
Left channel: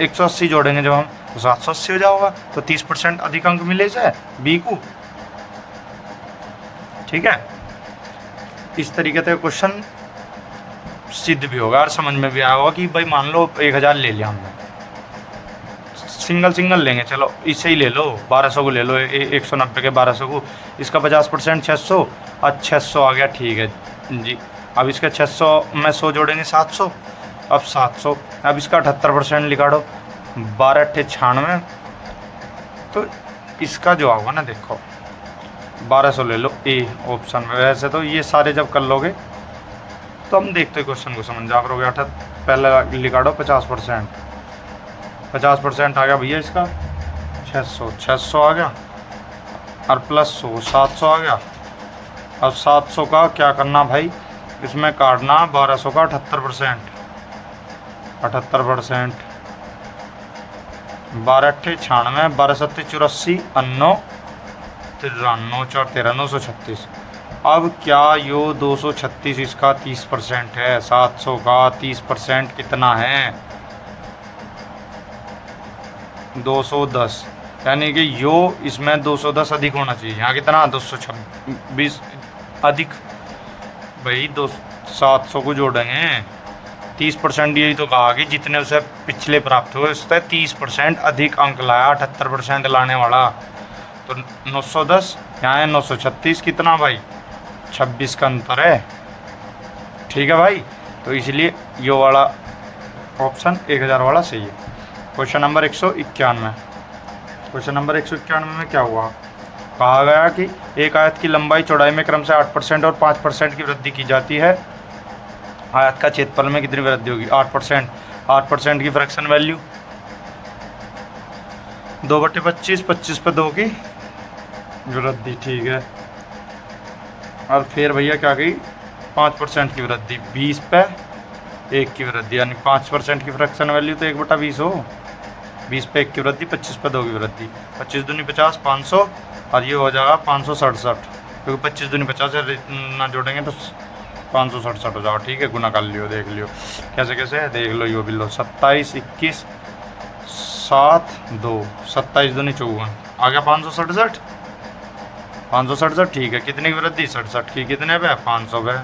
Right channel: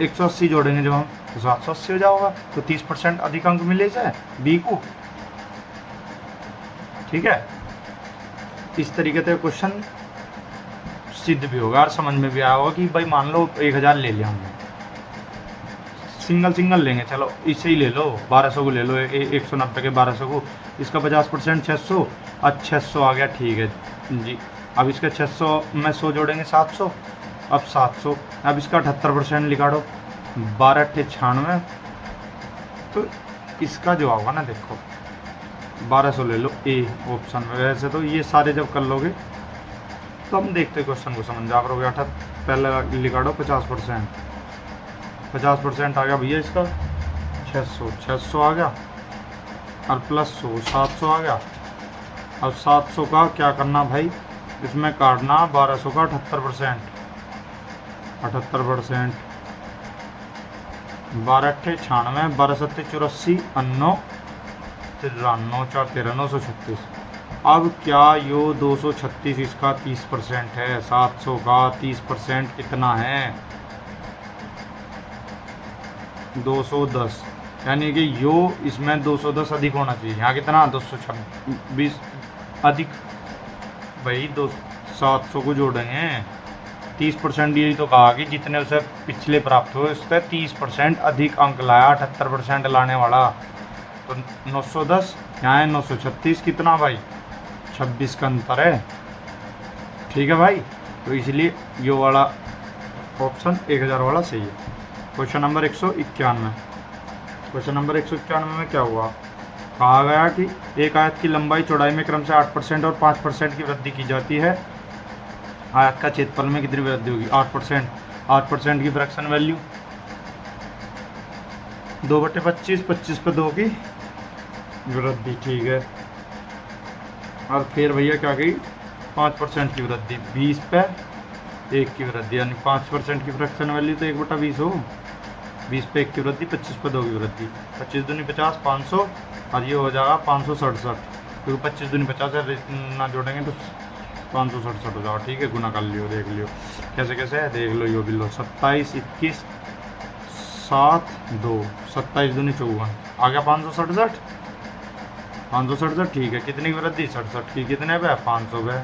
180 जोड़ेंगे जब हम तो 780 हो जाएगा, तो 30% अधिक अंक मिले से बी को, ठीक है। इस तरीके से क्वेश्चन सिद्ध भी होगा और समझ में भी आएगा कि भाई मान लो 1000 ले लिया हमने, सिंगल लेंगे, चलो इसे ही ले लो, 1200 को ले लो, 190 के 1200 को, इसका 50% 600 और 600 आ गया, ठीक है जी। अब इसका 600 में 100 जोड़ेंगे 700, अब 700, अब इसका 78% निकालो, 12 अट्ठे 96, तो इसका जो होगा ना देखो 1200 ले लो ए ऑप्शन में। वैसे तो ये सारे जब कर लोगे तो हम देखते क्वेश्चन को समझ जा करोगे। पहला निकालो 50%, 50% आ गया भैया इसका 600 आ गया, और प्लस 100 700 आ गया। अब 700 का क्या करना भाई, इसमें काटना 1200 का 78%, 12 अट्ठे 96, 12 सत्ते 84, 9 93, 4 13 936। अब क्या यो 236 इसका 30% है, 700 का 30% कितना है 210, यानी कि यो इसमें 210 अधिक होना चाहिए। यहाँ कितना 226 अधिक भाई, 700 को जोड़ेंगे 30%, यही तो कहा कि जितने उसे पिछले प्राप्त हुए उससे 30% अधिक अंक लाया, 78% लाने वाला, तो 910 यहाँ है 936, कितना भाई 26 का अंतर है। ठीक है भाई, तो इसलिए यो वाला ऑप्शन 1000 वाला सही है। Question number 191। क्वेश्चन नंबर 191 में क्या हुआ, कहा गया कि एक आयत की लंबाई चौड़ाई में क्रम से 8% और 5% की वृद्धि की जाती है, आयत का क्षेत्रफल में कितनी वृद्धि होगी 8%। 8% की फ्रैक्शन वैल्यू 2/25, 25 पे 2 की वृद्धि, ठीक है। और फिर भैया क्या गई 5% की वृद्धि, 20 पे 1 की वृद्धि, यानी 5% की फ्रैक्शन वैल्यू तो 1/20 हो, 20 पे 1 की वृद्धि, 25 पे 2 की वृद्धि, 25 दूनी 50, 500, और ये हो जाएगा 567, क्योंकि 25 दूनी 50 ना जोड़ेंगे तो 567 हो जाओ, ठीक है। गुना कर लियो, देख लियो कैसे कैसे है, देख लो यो भी लो, 27 21 7 2, 27 दूनी 54, आ गया 567, 567, ठीक है। कितनी की वृद्धि 67 की, कितने पे 500 पे,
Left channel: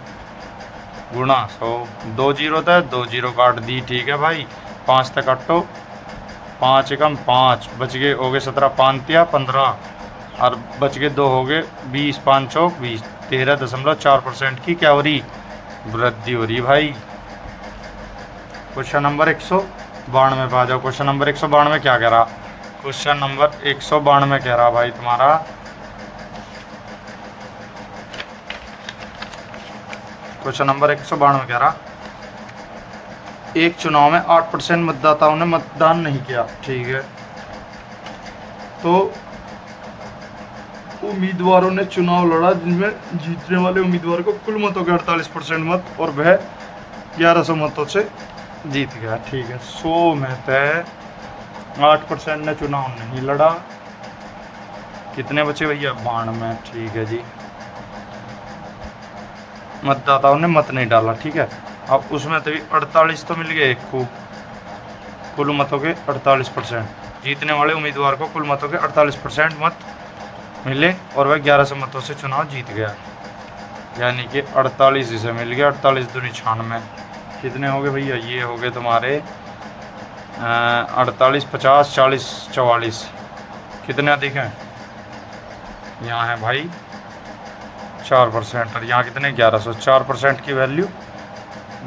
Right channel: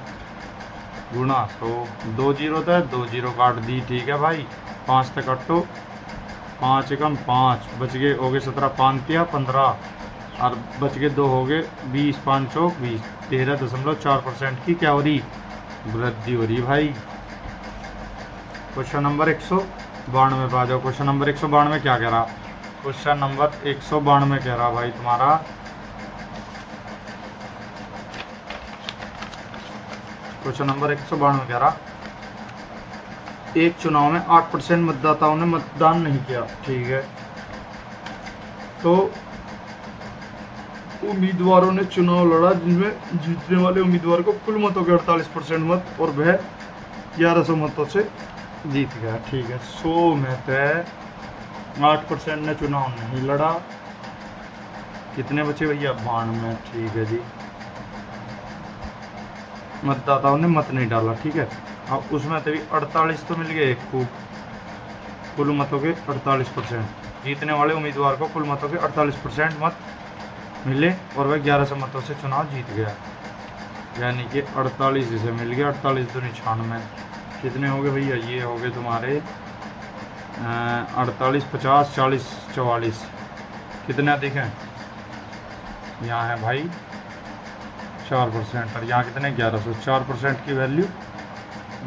गुना 100, 2 जीरो था, 2 जीरो काट दी, ठीक है भाई। 5 तक काटो, 5 एकम 5 बच गए, हो गए 17, 5 तिया 15, और बच गए 2 हो गए 20, 5 चौक 20, 13.4% की क्या हो रही वृद्धि हो रही भाई। क्वेश्चन नंबर 192 पे आ जाओ। क्वेश्चन नंबर 192 क्या कह रहा, क्वेश्चन नंबर 192 कह रहा भाई तुम्हारा, क्वेश्चन नंबर 192 कह रहा, एक चुनाव में 8% मतदाताओं ने मतदान नहीं किया, ठीक है, तो उम्मीदवारों ने चुनाव लड़ा जिनमें जीतने वाले उम्मीदवार को कुल मतों के 48% मत और वह 1100 मतों से जीत गया, ठीक है। 100 में से 8% ने चुनाव नहीं लड़ा, कितने बचे भैया 92, ठीक है जी, मतदाताओं ने मत नहीं डाला, ठीक है। अब उसमें तभी 48 तो मिल गए एक को, कुल मतों के 48%, जीतने वाले उम्मीदवार को कुल मतों के 48% मत मिले और वह 1100 मतों से चुनाव जीत गया, यानी कि 48 इसे मिल गया, 48 दूनी 96, कितने हो गए भैया, ये हो गए तुम्हारे 48 50 40 44, कितने अधिक हैं, यहाँ है भाई 4%, और यहाँ कितने 1100, 4% की वैल्यू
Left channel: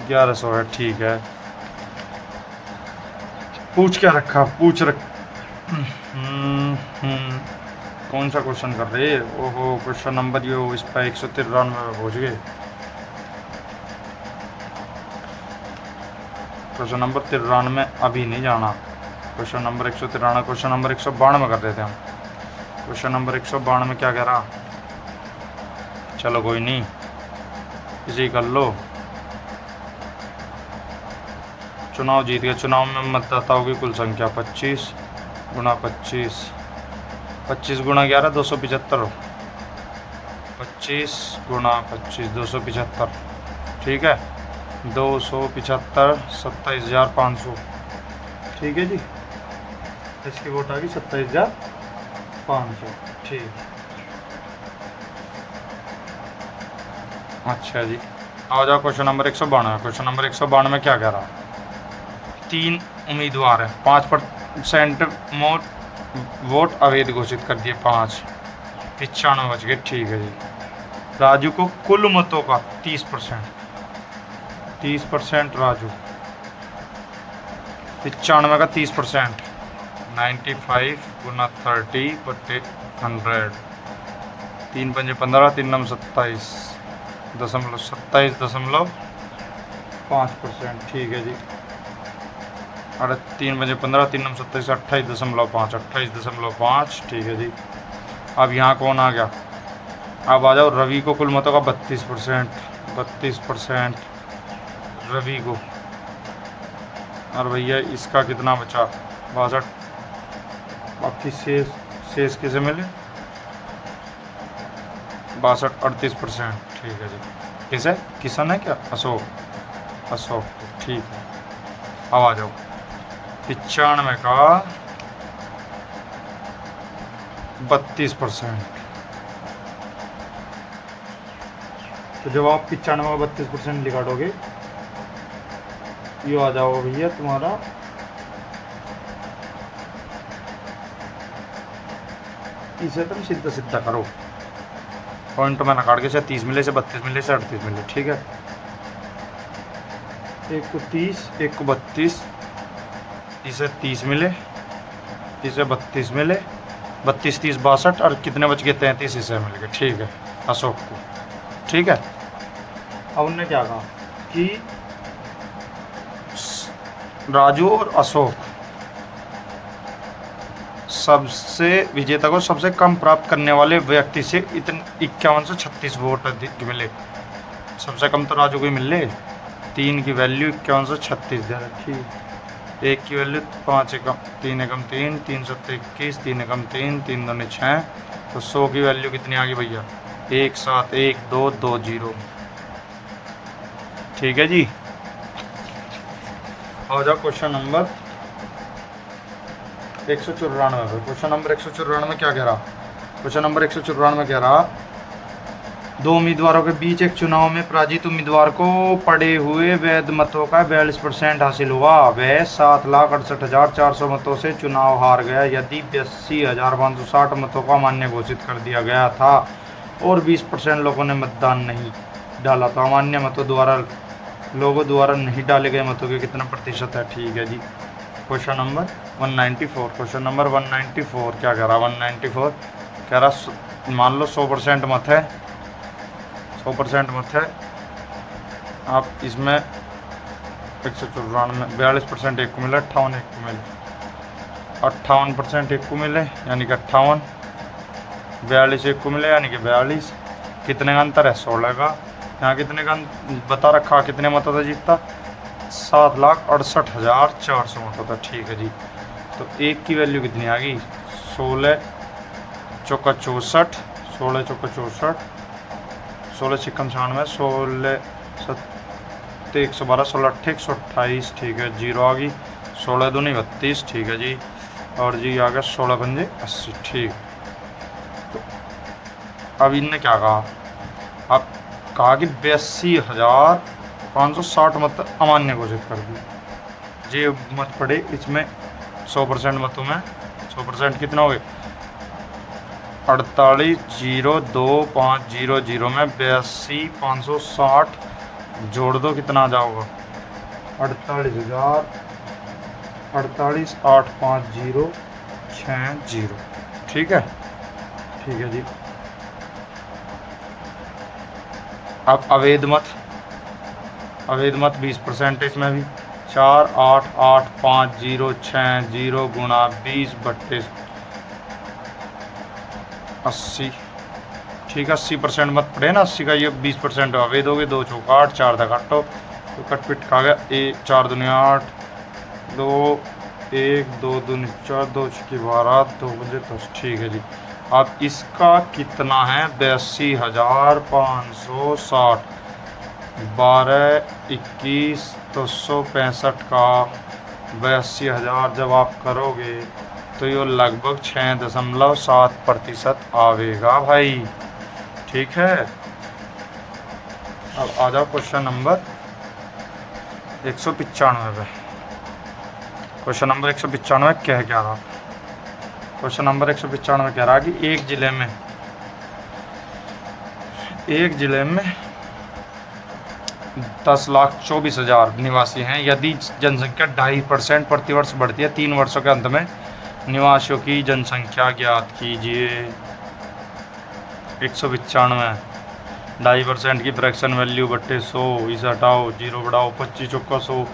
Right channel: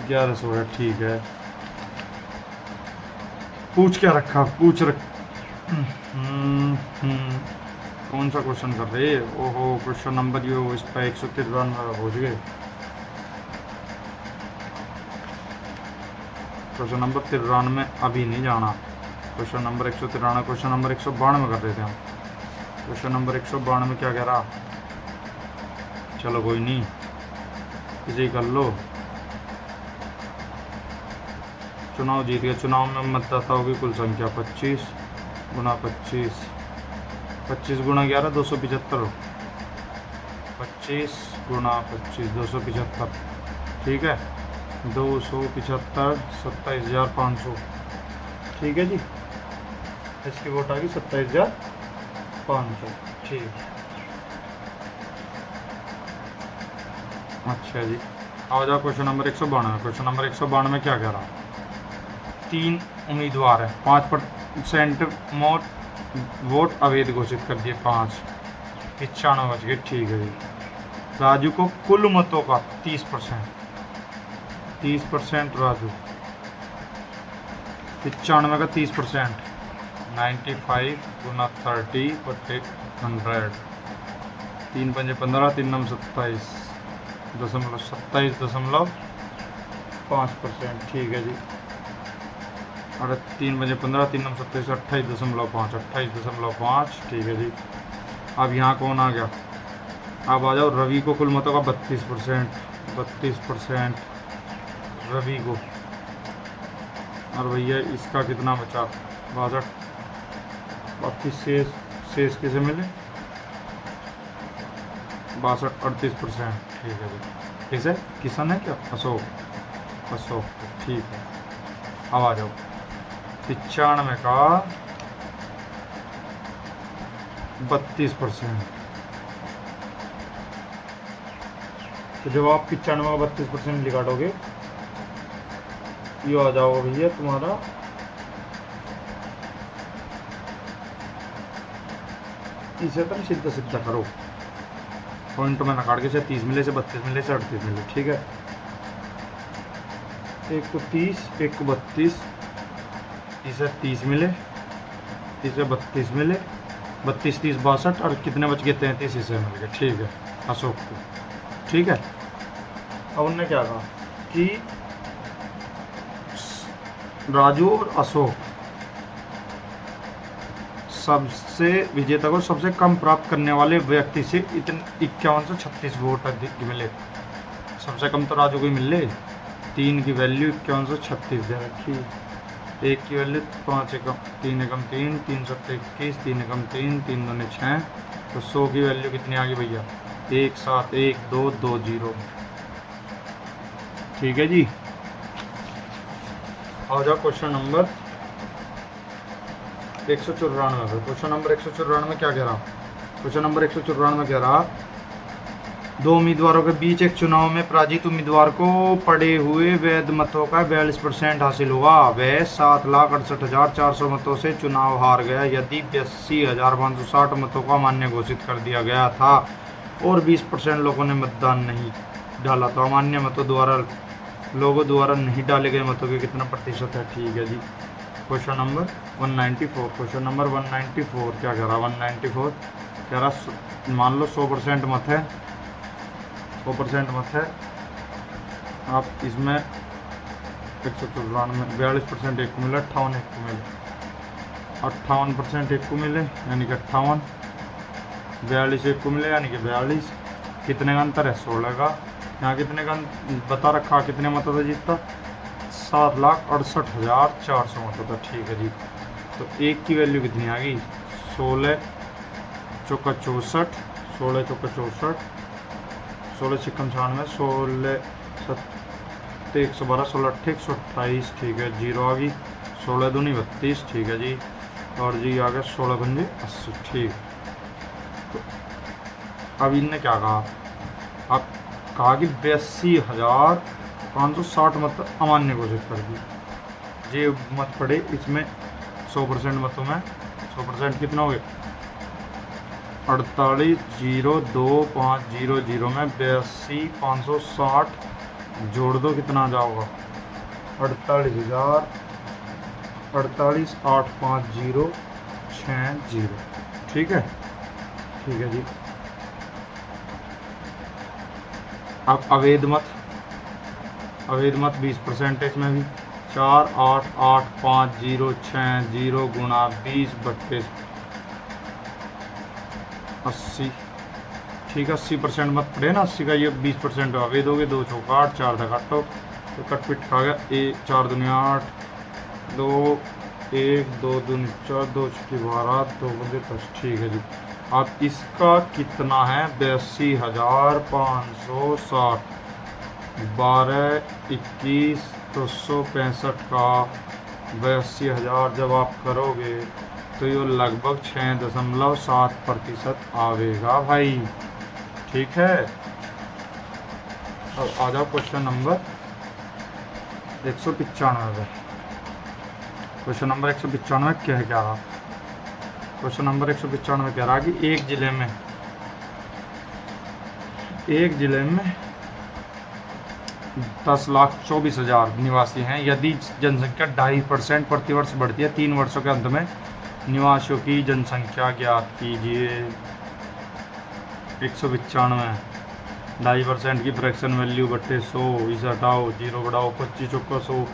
1100 है, ठीक है। पूछ क्या रखा, पूछ रख कौन सा क्वेश्चन कर रहे, ओहो क्वेश्चन नंबर यो इस पर 193 में पहुँच गए, क्वेश्चन नंबर 93 अभी नहीं जाना, क्वेश्चन नंबर 193, क्वेश्चन नंबर 192 कर देते हैं। क्वेश्चन नंबर 192 क्या कह रहा, चलो कोई नहीं इसी कर लो। चुनाव जीत गया, चुनाव में मतदाताओं की कुल संख्या 25 गुना 25, 25 गुना 11 275, 25 गुना 25 275, ठीक है, 275 27,500, ठीक है जी, इसकी वोट आ गई 27,500, ठीक। अच्छा जी, आ जाओ क्वेश्चन नंबर 192। क्वेश्चन नंबर 192 में क्या कह रहा है, 3 उम्मीदवार हैं, 5% वोट अवैध घोषित कर दिए, 5 95 बच गए, ठीक है जी। राजू को कुल मतों का 30% राजू, 95 का 30%, 95 गुना 30 बटे 100, 3 पंजे 15, 3 नम 27.5%, ठीक है जी। अरे 3×15 3×9 27 28.5 28.5 ठीक है जी। अब यहाँ कौन आ गया, अब आ जाओ रवि को कुल मतों का 32% रवि को, और भैया इसका कितना बचा 62, बाकी शेष किसे मिले 62 38%। ठीक है जी, किसे किसान है क्या अशोक ठीक है। अब आ जाओ 95 का 32%। तो जब आप 95 में 32% निकालोगे ये आ जाओ भैया तुम्हारा इसे तुम सीधा सीधा करो, पॉइंट में नकाट के से 30 मिले से 32 मिले से 38 मिले। ठीक है, एक को 30 एक को 32, इसे 30 मिले इसे 32 मिले, 32 30 62 और कितने बच गए 33 इसे मिल गए। ठीक है अशोक को। ठीक है, अब उनने क्या कहा कि राजू और अशोक सबसे विजेता को सबसे कम प्राप्त करने वाले व्यक्ति से इतने 51 से 36 वोट अधिक मिले। सबसे कम तो राजू को ही मिले, 3 की वैल्यू 51 से 36 दे रखी, 1 की वैल्यू 5 एकम 3 एकम 3 321 3 एकम 3 3 दूनी 6, तो 100 की वैल्यू कितनी आ गई भैया 1 7 1 2 2 0। ठीक है जी, आ जाओ क्वेश्चन नंबर 194 पे। क्वेश्चन नंबर 194 क्या कह रहा, क्वेश्चन नंबर 194 कह रहा 2 उम्मीदवारों के बीच एक चुनाव में पराजित उम्मीदवार को पड़े हुए वैध मतों का 42% हासिल हुआ। वह 7,68,400 मतों से चुनाव हार गया। यदि 82,560 मतों का अमान्य घोषित कर दिया गया था और 20% लोगों ने मतदान नहीं डाला, तो अमान्य मतों द्वारा लोगों द्वारा नहीं डाले गए मतों के कितना प्रतिशत है। ठीक है जी, क्वेश्चन नंबर 194। क्वेश्चन नंबर 194 क्या कह रहा, 194 कह रहा मान लो 100% मत है, 100% मत है, आप इसमें 194 42% एक को मिले, 58 एक को मिले, 58% एक को मिले यानी कि 58, 42 एक को मिले यानी कि 42, कितने का अंतर है 16 का। यहाँ कितने का बता रखा, कितने मतों से जीतता 7,68,400 मतों था। ठीक है जी, तो एक की वैल्यू कितनी आ गई 16 चौका 64, 16 चौका 64, 16 छिक्कम 96, 16 सत्ते 112, 16 अट्ठे 128। ठीक है, जीरो आ गई, 16 दूनी 32। ठीक है जी, और जी आ गया 16 पंजे 80। ठीक, अब इनने क्या कहा, अब कहा कि 82,560 मत अमान्य घोषित कर दी। जे मत पड़े इसमें 100% मतों में 100% कितना हो गए 48,02,500 में 82,560 जोड़ दो, कितना आ जाओगा 48,850,60। ठीक है, ठीक है जी। अब अवैध मत 20% इसमें भी 4,8,8,5,0,6,0 गुणा 20/80। ठीक है, 80% मत पड़े ना, 80 का ये 20% अवैध हो गए, 2 चौका 8 4 दा काटो तो कट पिट खा गया, 4 दूनी 8 2 1 2 दूनी 4 2 छक्की 12 2 बजे 10। ठीक है जी, अब इसका कितना है 82,560, 12 21 265 का 82,000 जब आप करोगे तो ये लगभग 6.7% आवेगा भाई। ठीक है, अब आ जाओ क्वेश्चन नंबर 195 पे। क्वेश्चन नंबर 195 क्या रहा, क्वेश्चन नंबर 195 कह रहा कि एक जिले में 10,24,000 निवासी हैं। यदि जनसंख्या 2.5% प्रतिवर्ष बढ़ती है, 3 वर्षों के अंत में निवासियों की जनसंख्या ज्ञात कीजिए। 195 2.5% की फ्रैक्शन वैल्यू बट्टे 100, इसे हटाओ, 0 बढ़ाओ, 25 चौका 100,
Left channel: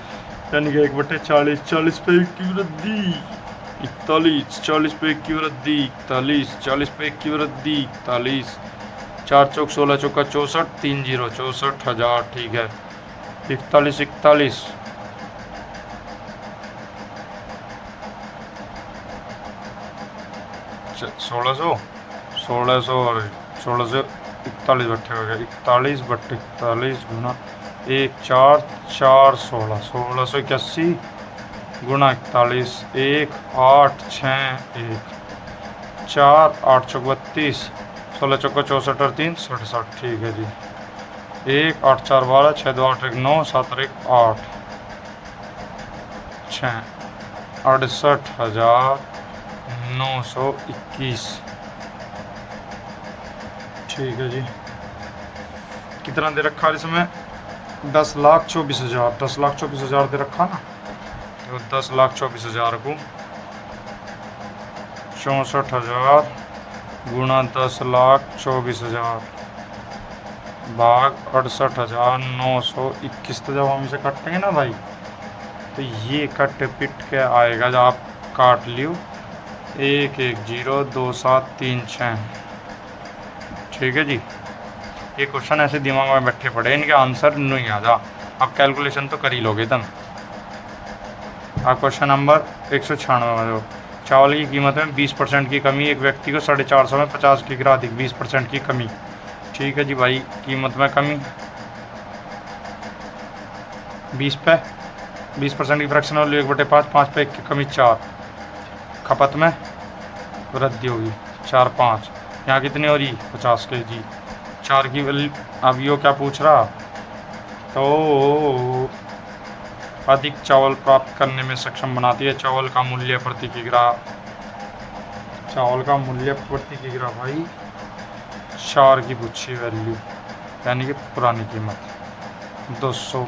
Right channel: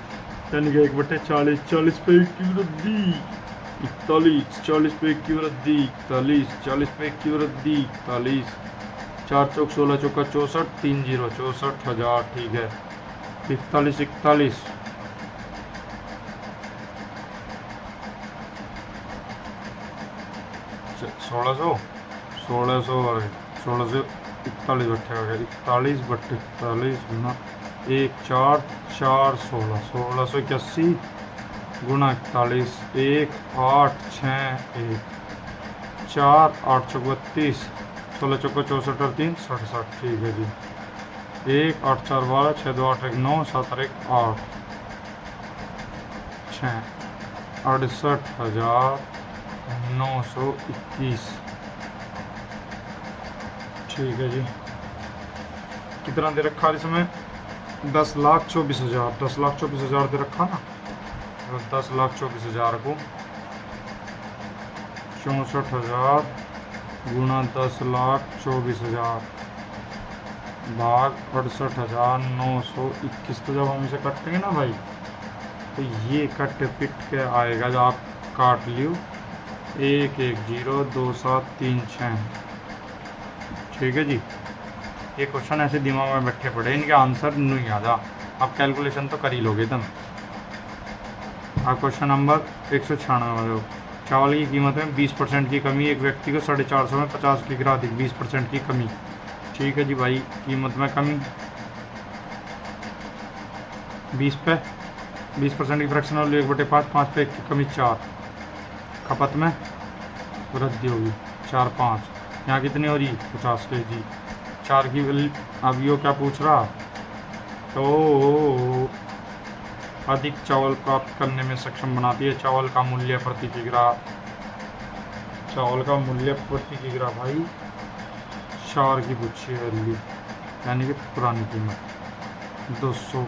यानी कि 1/40, 40 पे 1 की वृद्धि, 41, 40 पे 1 की वृद्धि, 41, 40 पे 1 की वृद्धि, 41, 4 चौक 16 चौका 64, 3 जीरो 64,000। ठीक है, 41, 41, 1600, 1600 और 1641 बट्टे हो गए, 41/41 गुना 1, 4, 4, 16, 1681 गुना 41, 1, 8, 6, 1, 4, 8 चौक 32, 16 चौका 64 और 3 67। ठीक है जी, 1, 8, 4, 12, 6, 2, 8, 1, 9, 7 और 1, 8, 6, 68,921। ठीक है जी, कितना दे रखा है इसमें? 10,24,000, 10,24,000 दे रखा ना, तो 10,24,000 को 64,000 गुना 10,24,000 भाग 68,921। तो जब हम इसे काटेंगे ना भाई, तो ये कट पिट के आएगा, जब आप काट लियो 1, 1, 0, 2, 7, 3, 6। ठीक है जी, ये क्वेश्चन ऐसे दिमाग में बैठे पड़े, इनके आंसर नहीं आ जा, आप कैलकुलेशन तो कर ही लोगे तुम। आप क्वेश्चन नंबर 196 में, चावल की कीमत में 20% की कमी, एक व्यक्ति को 450 में 50 की गिरा अधिक, 20% की कमी। ठीक है जी भाई, कीमत में कमी 20 पे 20% की फ्रैक्शन वैल्यू 1/5, 5 पे 1 की कमी 4, खपत में वृद्धि होगी 4, 5, यहाँ कितनी हो रही 50 kg, 4 की वैल्यू। अब यो क्या पूछ रहा, तो अधिक चावल प्राप्त करने में सक्षम बनाती है, चावल का मूल्य प्रति किग्रा, चावल का मूल्य प्रति किग्रा भाई 4 की पूछी वैल्यू, यानी कि पुरानी कीमत 200।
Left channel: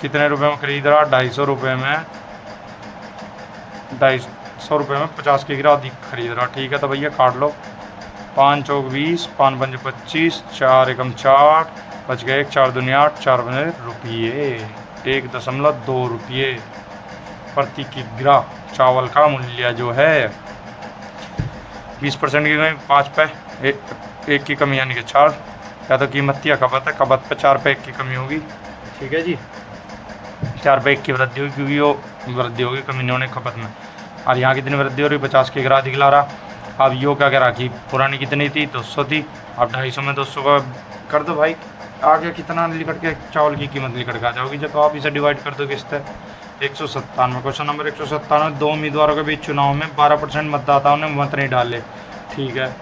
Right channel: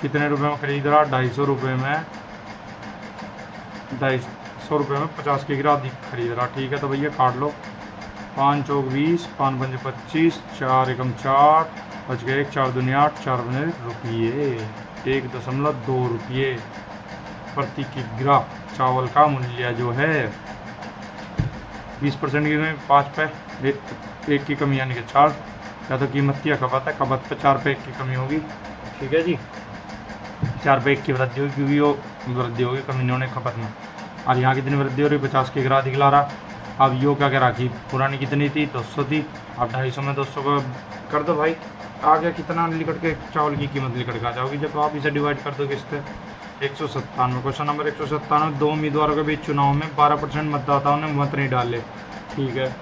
कितने रुपए में खरीद रहा, 250 रुपये में, 250 रुपये में 50 किग्रा अधिक खरीद रहा। ठीक है, तो भैया काट लो, 5 चौक 20, 5 पंजे 25, 4 एकम 4, बच गए 1, 4 दूनी 8, 4 बने रुपये, 1.2 रुपये प्रति किग्रा चावल का मूल्य जो है। 20% की कमी 5 पे 1 की कमी, यानी कि 4, या तो कीमत या खपत है, खपत पे 4 पे 1 की कमी होगी। ठीक है जी, 4 पे 1 की वृद्धि होगी, क्योंकि वो वृद्धि होगी कमी नहीं होने खपत में। और यहाँ कितनी वृद्धि हो रही, 50 किग्रा अधिक ला रहा। अब यो क्या कह रहा कि पुरानी कितनी थी, 200 थी, अब 250 में 200 का कर दो भाई, आगे कितना निकट के चावल की कीमत निकट के आ जाओगी जब आप इसे डिवाइड कर दो किससे, 197। क्वेश्चन नंबर 197, 2 उम्मीदवारों के बीच चुनाव में 12% मतदाताओं ने मत नहीं डाले। ठीक है,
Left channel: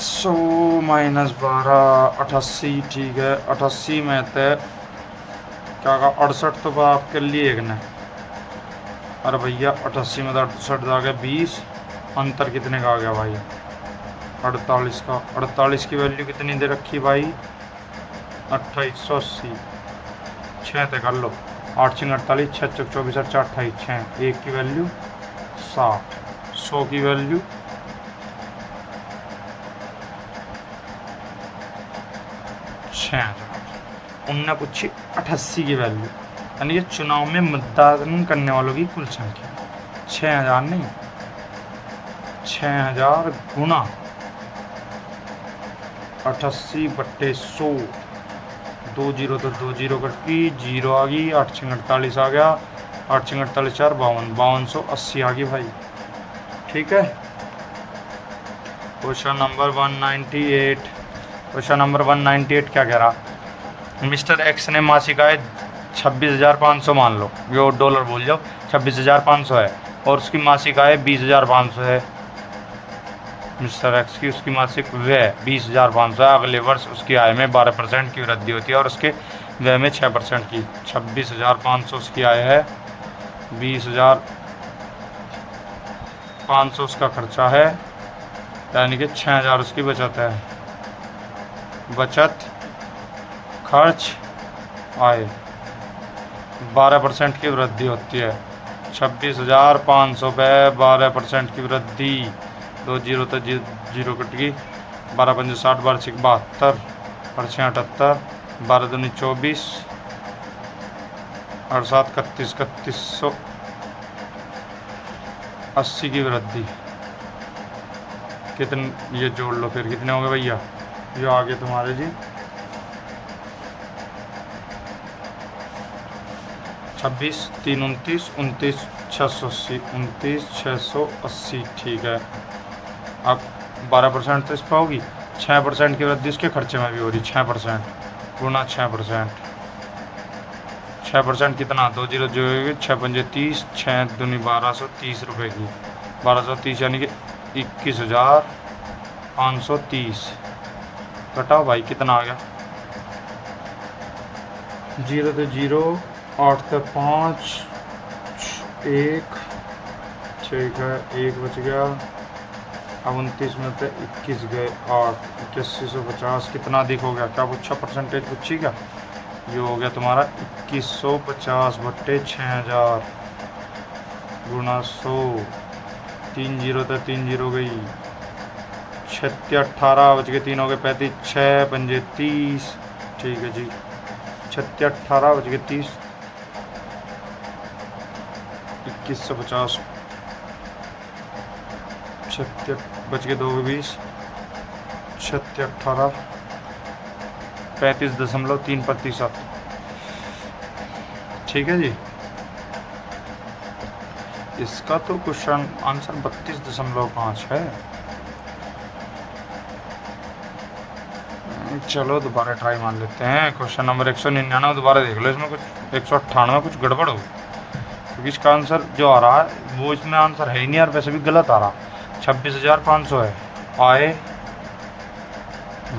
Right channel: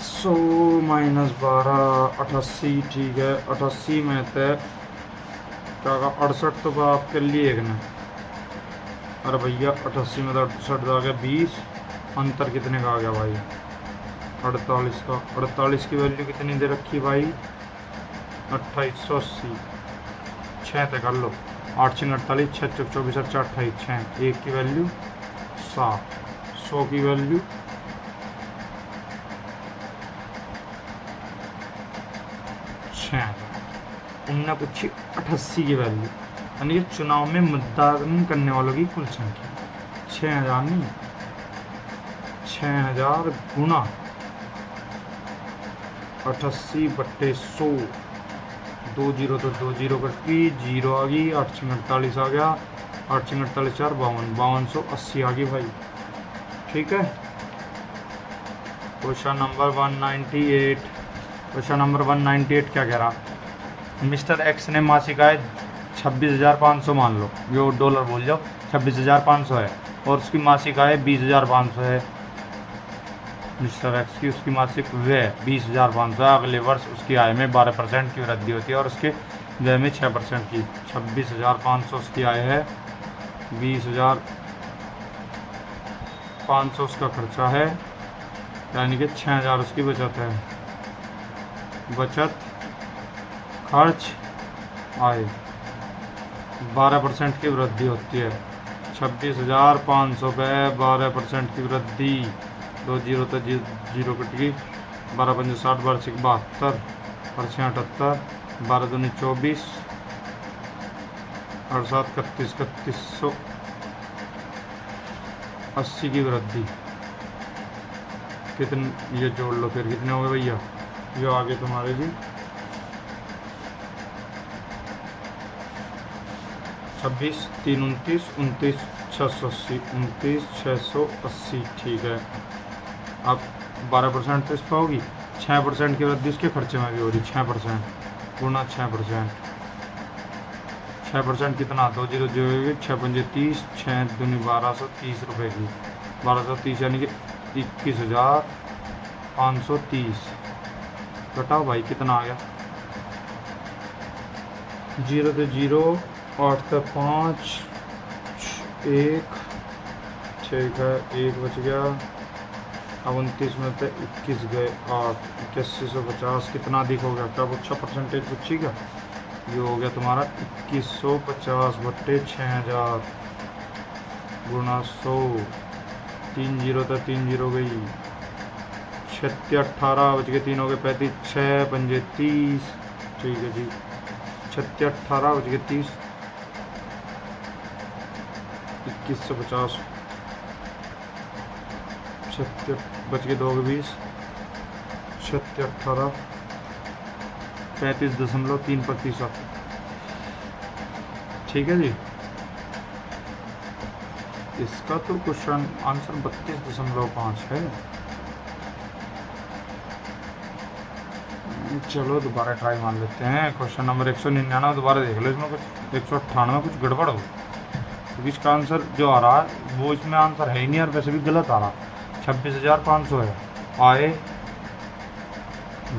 सौ माइनस 12, 88। ठीक है, 88 में थे क्या कहा, 68 तो आपके लिए एक ने, अरे भैया 88 में 68 आ गया 20, अंतर कितने का आ गया भाई, 48 का। 48 की वैल्यू कितनी दे रखी भाई, 2880, 6 तक कर लो, 8 6 48, 6 चौक 24, 8 28, 6, 1 की वैल्यू 60, 100 की वैल्यू 6। उनने पूछी 88 की वैल्यू, यानी कि चुनाव में मतदान करने वालों की कुल संख्या 6000 नहीं, 6000 गुना 88/100, 2 जीरो तो 2 जीरो कटी, जीरो आ गई, 8 6 48 आ गया, 8 6 48 4 52, 5280 आ गई भाई। ठीक है, क्वेश्चन नंबर 198, क्वेश्चन नंबर 198 क्या कह रहा, मिस्टर एक्स ने मासिक आय 26,500 मान लो, यो डॉलर बोल जाओ, 26,500 है, और उसकी मासिक आय 20,500 है। मिस्टर एक्स की उसकी मासिक व्यय 20,500 है, अगले वर्ष उसकी आय में 12% की वृद्धि होती है और उसके व्यय में 6% की। 26,500 उसकी आय है, 20,500 उसका खर्चा है, यानी कि 6,000 उसकी बचत है। बचत खर्च आय 12% की वृद्धि होती है। 26,500 पे 12% की वृद्धि, 2 जीरो तो जीरो कट गई, 12 पंजे 60, 12 6 72, और 6 78, 12 दूनी 24 और 7 31, 3180 की वृद्धि। कितने ये जोड़ लो फिर, कितने हो गए भैया? ये आगे तुम्हारे जी 26 3 29 29 680, 29 680 ठीक है। अब 12% तो इस पर होगी, 6% की वृद्धि इसके खर्चे में भी हो रही, 6% गुना 6%। 6% कितना? 2 जीरो जो होगी 6 पंजे 30, 6 दूनी 1230 रुपये की, 1230 यानी कि 21,530। घटाओ भाई कितना आ गया? 0 तो 0, 8 तो 5, 1 ठीक है, 1 बच गया। अब 29 में से 21 गए 8, 8150 कितना अधिक हो गया? क्या पूछा? परसेंटेज पूछी क्या? ये हो गया तुम्हारा 2150 बट्टे 6000 गुना 100। 3 जीरो तो 3 जीरो गई, 36 18 बच गए, 3 हो गए 35, 6 पंजे 30 ठीक है जी। 36 18 बच गए 30, 2150 36 बच गए 2 20, 36 18 35.3%। ठीक है जी। इसका तो क्वेश्चन आंसर 32.5 है। चलो दोबारा ट्राई मार लेते हैं। क्वेश्चन नंबर 199 दोबारा देख लो, इसमें कुछ 198 कुछ गड़बड़ हो, क्योंकि इसका आंसर जो आ रहा है वो इसमें आंसर है ही नहीं यार, वैसे भी गलत आ रहा। 26,500 है आय,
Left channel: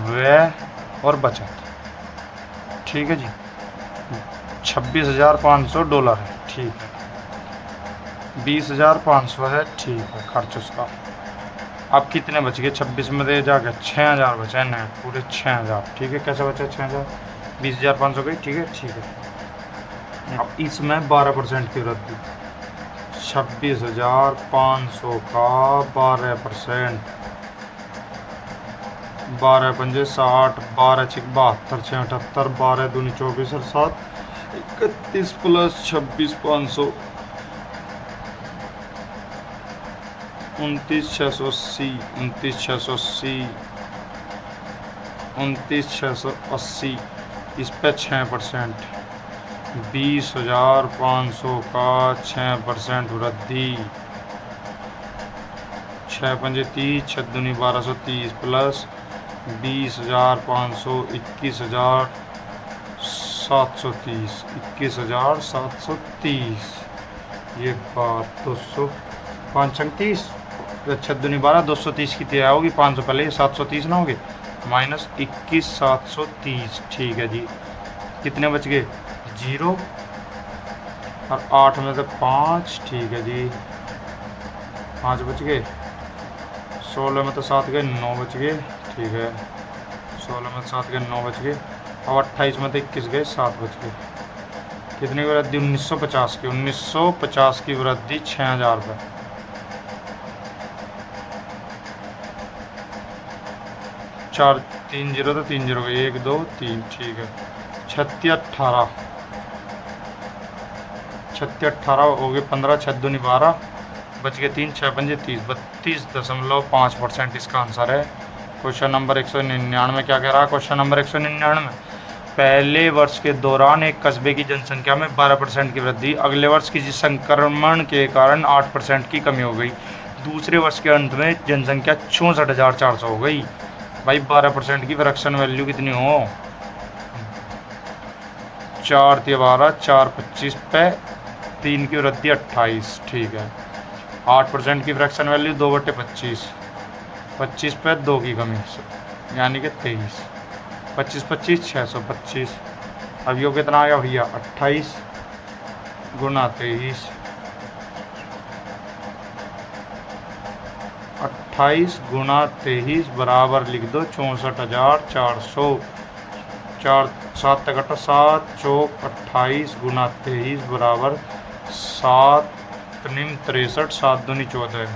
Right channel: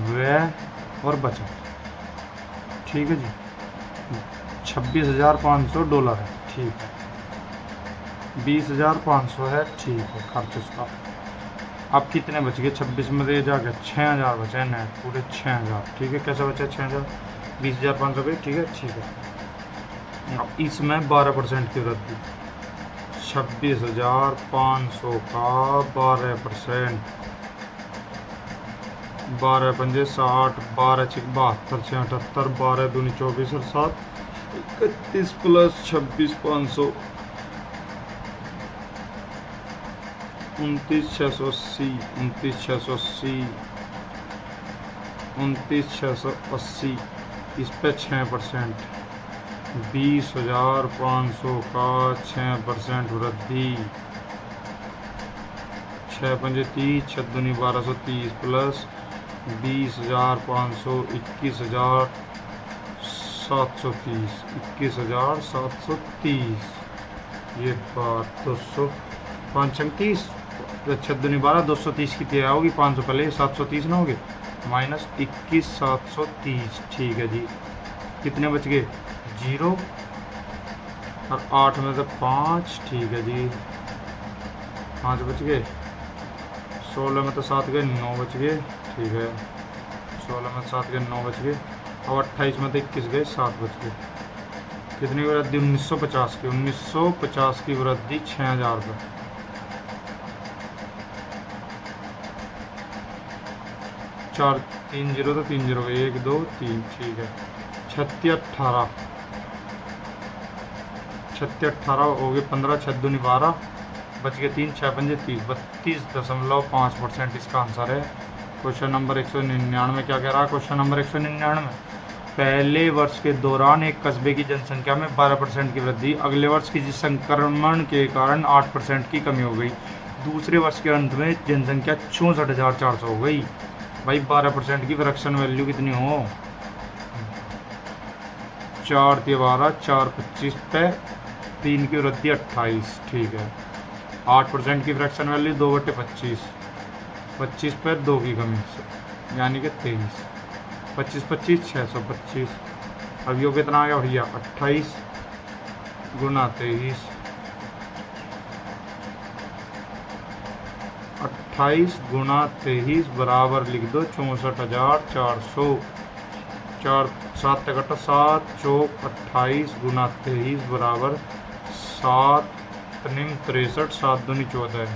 व्यय और बचत। ठीक है जी, $26,500 है ठीक है, 20,500 है ठीक है खर्च उसका। अब कितने बच गए? 26 में दे जाके 6,000 बचे हैं पूरे 6,000। ठीक है, कैसे बचे 6,000? 20,500 गई ठीक है ठीक है। अब इसमें 12% की वृद्धि, 26,500 का 12%, 12 पंजे 60, 12 6 72, 6 78, 12 दूनी 24 और 7 31 प्लस 26,500 29,680, 29,680, 29,680 इस पे 6%, 20,500 का 6% वृद्धि, 6 पंजे 30, 6 दूनी 1230 प्लस 20,500 21,730, 21,730 ये बात 235, 6 दूनी 12 230 की तैयार होगी, 500 पहले 730 ना होगी, माइनस 21,730 ठीक है जी। कितने बच गए? 0 और 8 में से 5 ठीक है जी, 5 बच गए। 16 में तो 7 गए, 9 बच गए ठीक है, 16 में 7 गए 9 बच गए। और 28 में तो 21 गए 7 बच गए। कितनी वृद्धि? 1950 की, 1950 की वृद्धि 6,000 पर। 4 3 जीरो तो 3 जीरो 1 2 3 ठीक है। 36 18 हो गए 15, 6 दूनी 12 बच गए 3, 6 पंजे 30, 32.5% इसका आंसर है। क्वेश्चन नंबर 199 क्या कह रहा है? क्वेश्चन नंबर 199 पहले वर्ष के दौरान एक कस्बे की जनसंख्या में 12% की वृद्धि, अगले वर्ष किसी संक्रमण के कारण 8% की कमी हो गई, दूसरे वर्ष के अंत में जनसंख्या 64,400 हो गई। भाई 12% की फ्रैक्शन वैल्यू कितनी हो? 4 × 12 4 25 पे 3 की वृद्धि 28 ठीक है। 8% की फ्रैक्शन वैल्यू 2/25, 25 पे 2 की कमी यानी कि 23, 25 25 625। अब यो कितना आया भैया? 28 गुना 23, 28 गुना 23 बराबर लिख दो 64,400। 4 7 तक 7 चौक 28 गुना 23 बराबर 7 3 63, 7 दूनी 14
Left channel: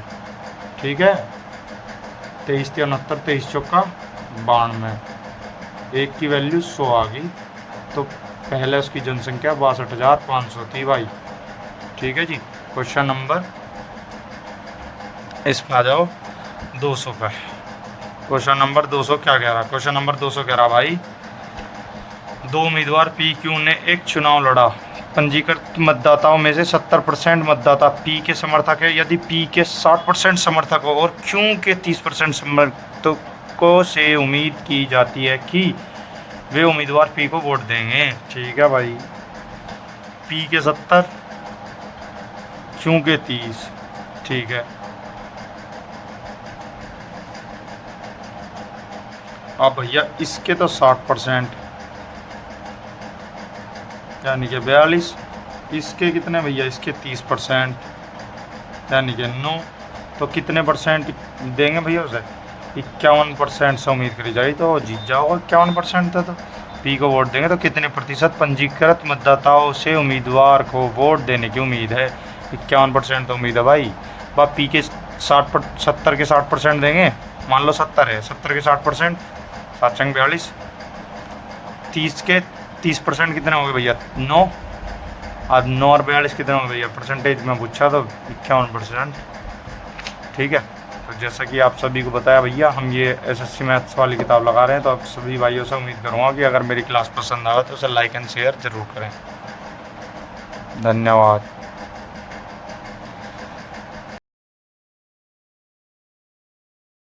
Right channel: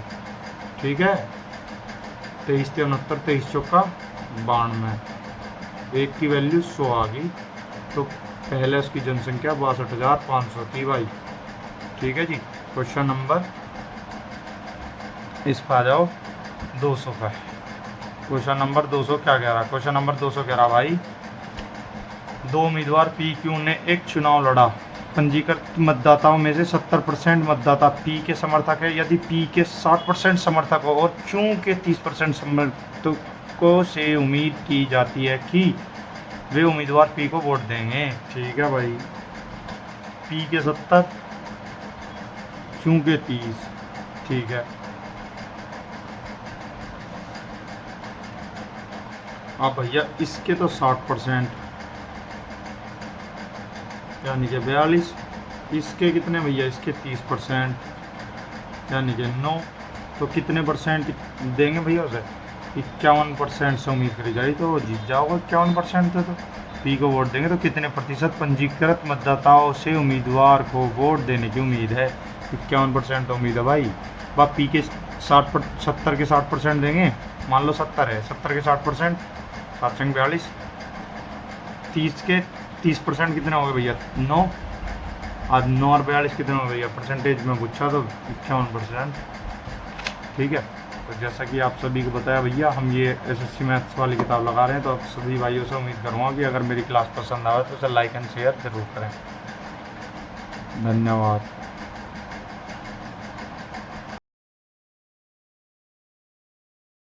ठीक है। 23 × 69, 23 चौका 92 एक की वैल्यू 100 आ गई, तो पहले उसकी जनसंख्या 62,500 थी भाई। ठीक है जी। क्वेश्चन नंबर इस पर आ जाओ 200 का। क्वेश्चन नंबर 200 क्या कह रहा? क्वेश्चन नंबर 200 कह रहा भाई, दो उम्मीदवार पी क्यू ने एक चुनाव लड़ा। पंजीकृत मतदाताओं में से 70% मतदाता पी के समर्थक है। यदि पी के 60% समर्थक हो और क्यू के 30% समर्थकों से उम्मीद की जाती है कि वे उम्मीदवार पी को वोट देंगे। ठीक है भाई, पी के 70, क्यू के 30। ठीक है, अब भैया इसके तो 60% यानी कि 42, इसके कितने भैया, इसके 30% यानी कि 9, तो कितने परसेंट देंगे भैया उसे? 51% से उम्मीद करी जाए तो जीत जाओगे 51% था। तो पी को वोट देंगे तो कितने प्रतिशत पंजीकृत मतदाताओं से उम्मीदवार को वोट देने की उम्मीद है? 51% तो उम्मीद है भाई। बाप पी के 70 के 60% देंगे, मान लो 70 है, 70 के 60%, 7 चंग 42, 30 के 30% कितने होंगे भैया? 9। आज 9 और 42 कितने होंगे भैया? परसेंटेज में पूछा तो 51%। ठीक है, तो जैसा कि आप सभी को बताया भैया, हम ये एसएससी मैथ्स वाली किताब लगा रहे हैं, तो आप सभी भाइयों से उम्मीद करूँगा कि अगर मेरी क्लास पसंद आए तो उसे लाइक एंड शेयर ज़रूर करें। धन्यवाद।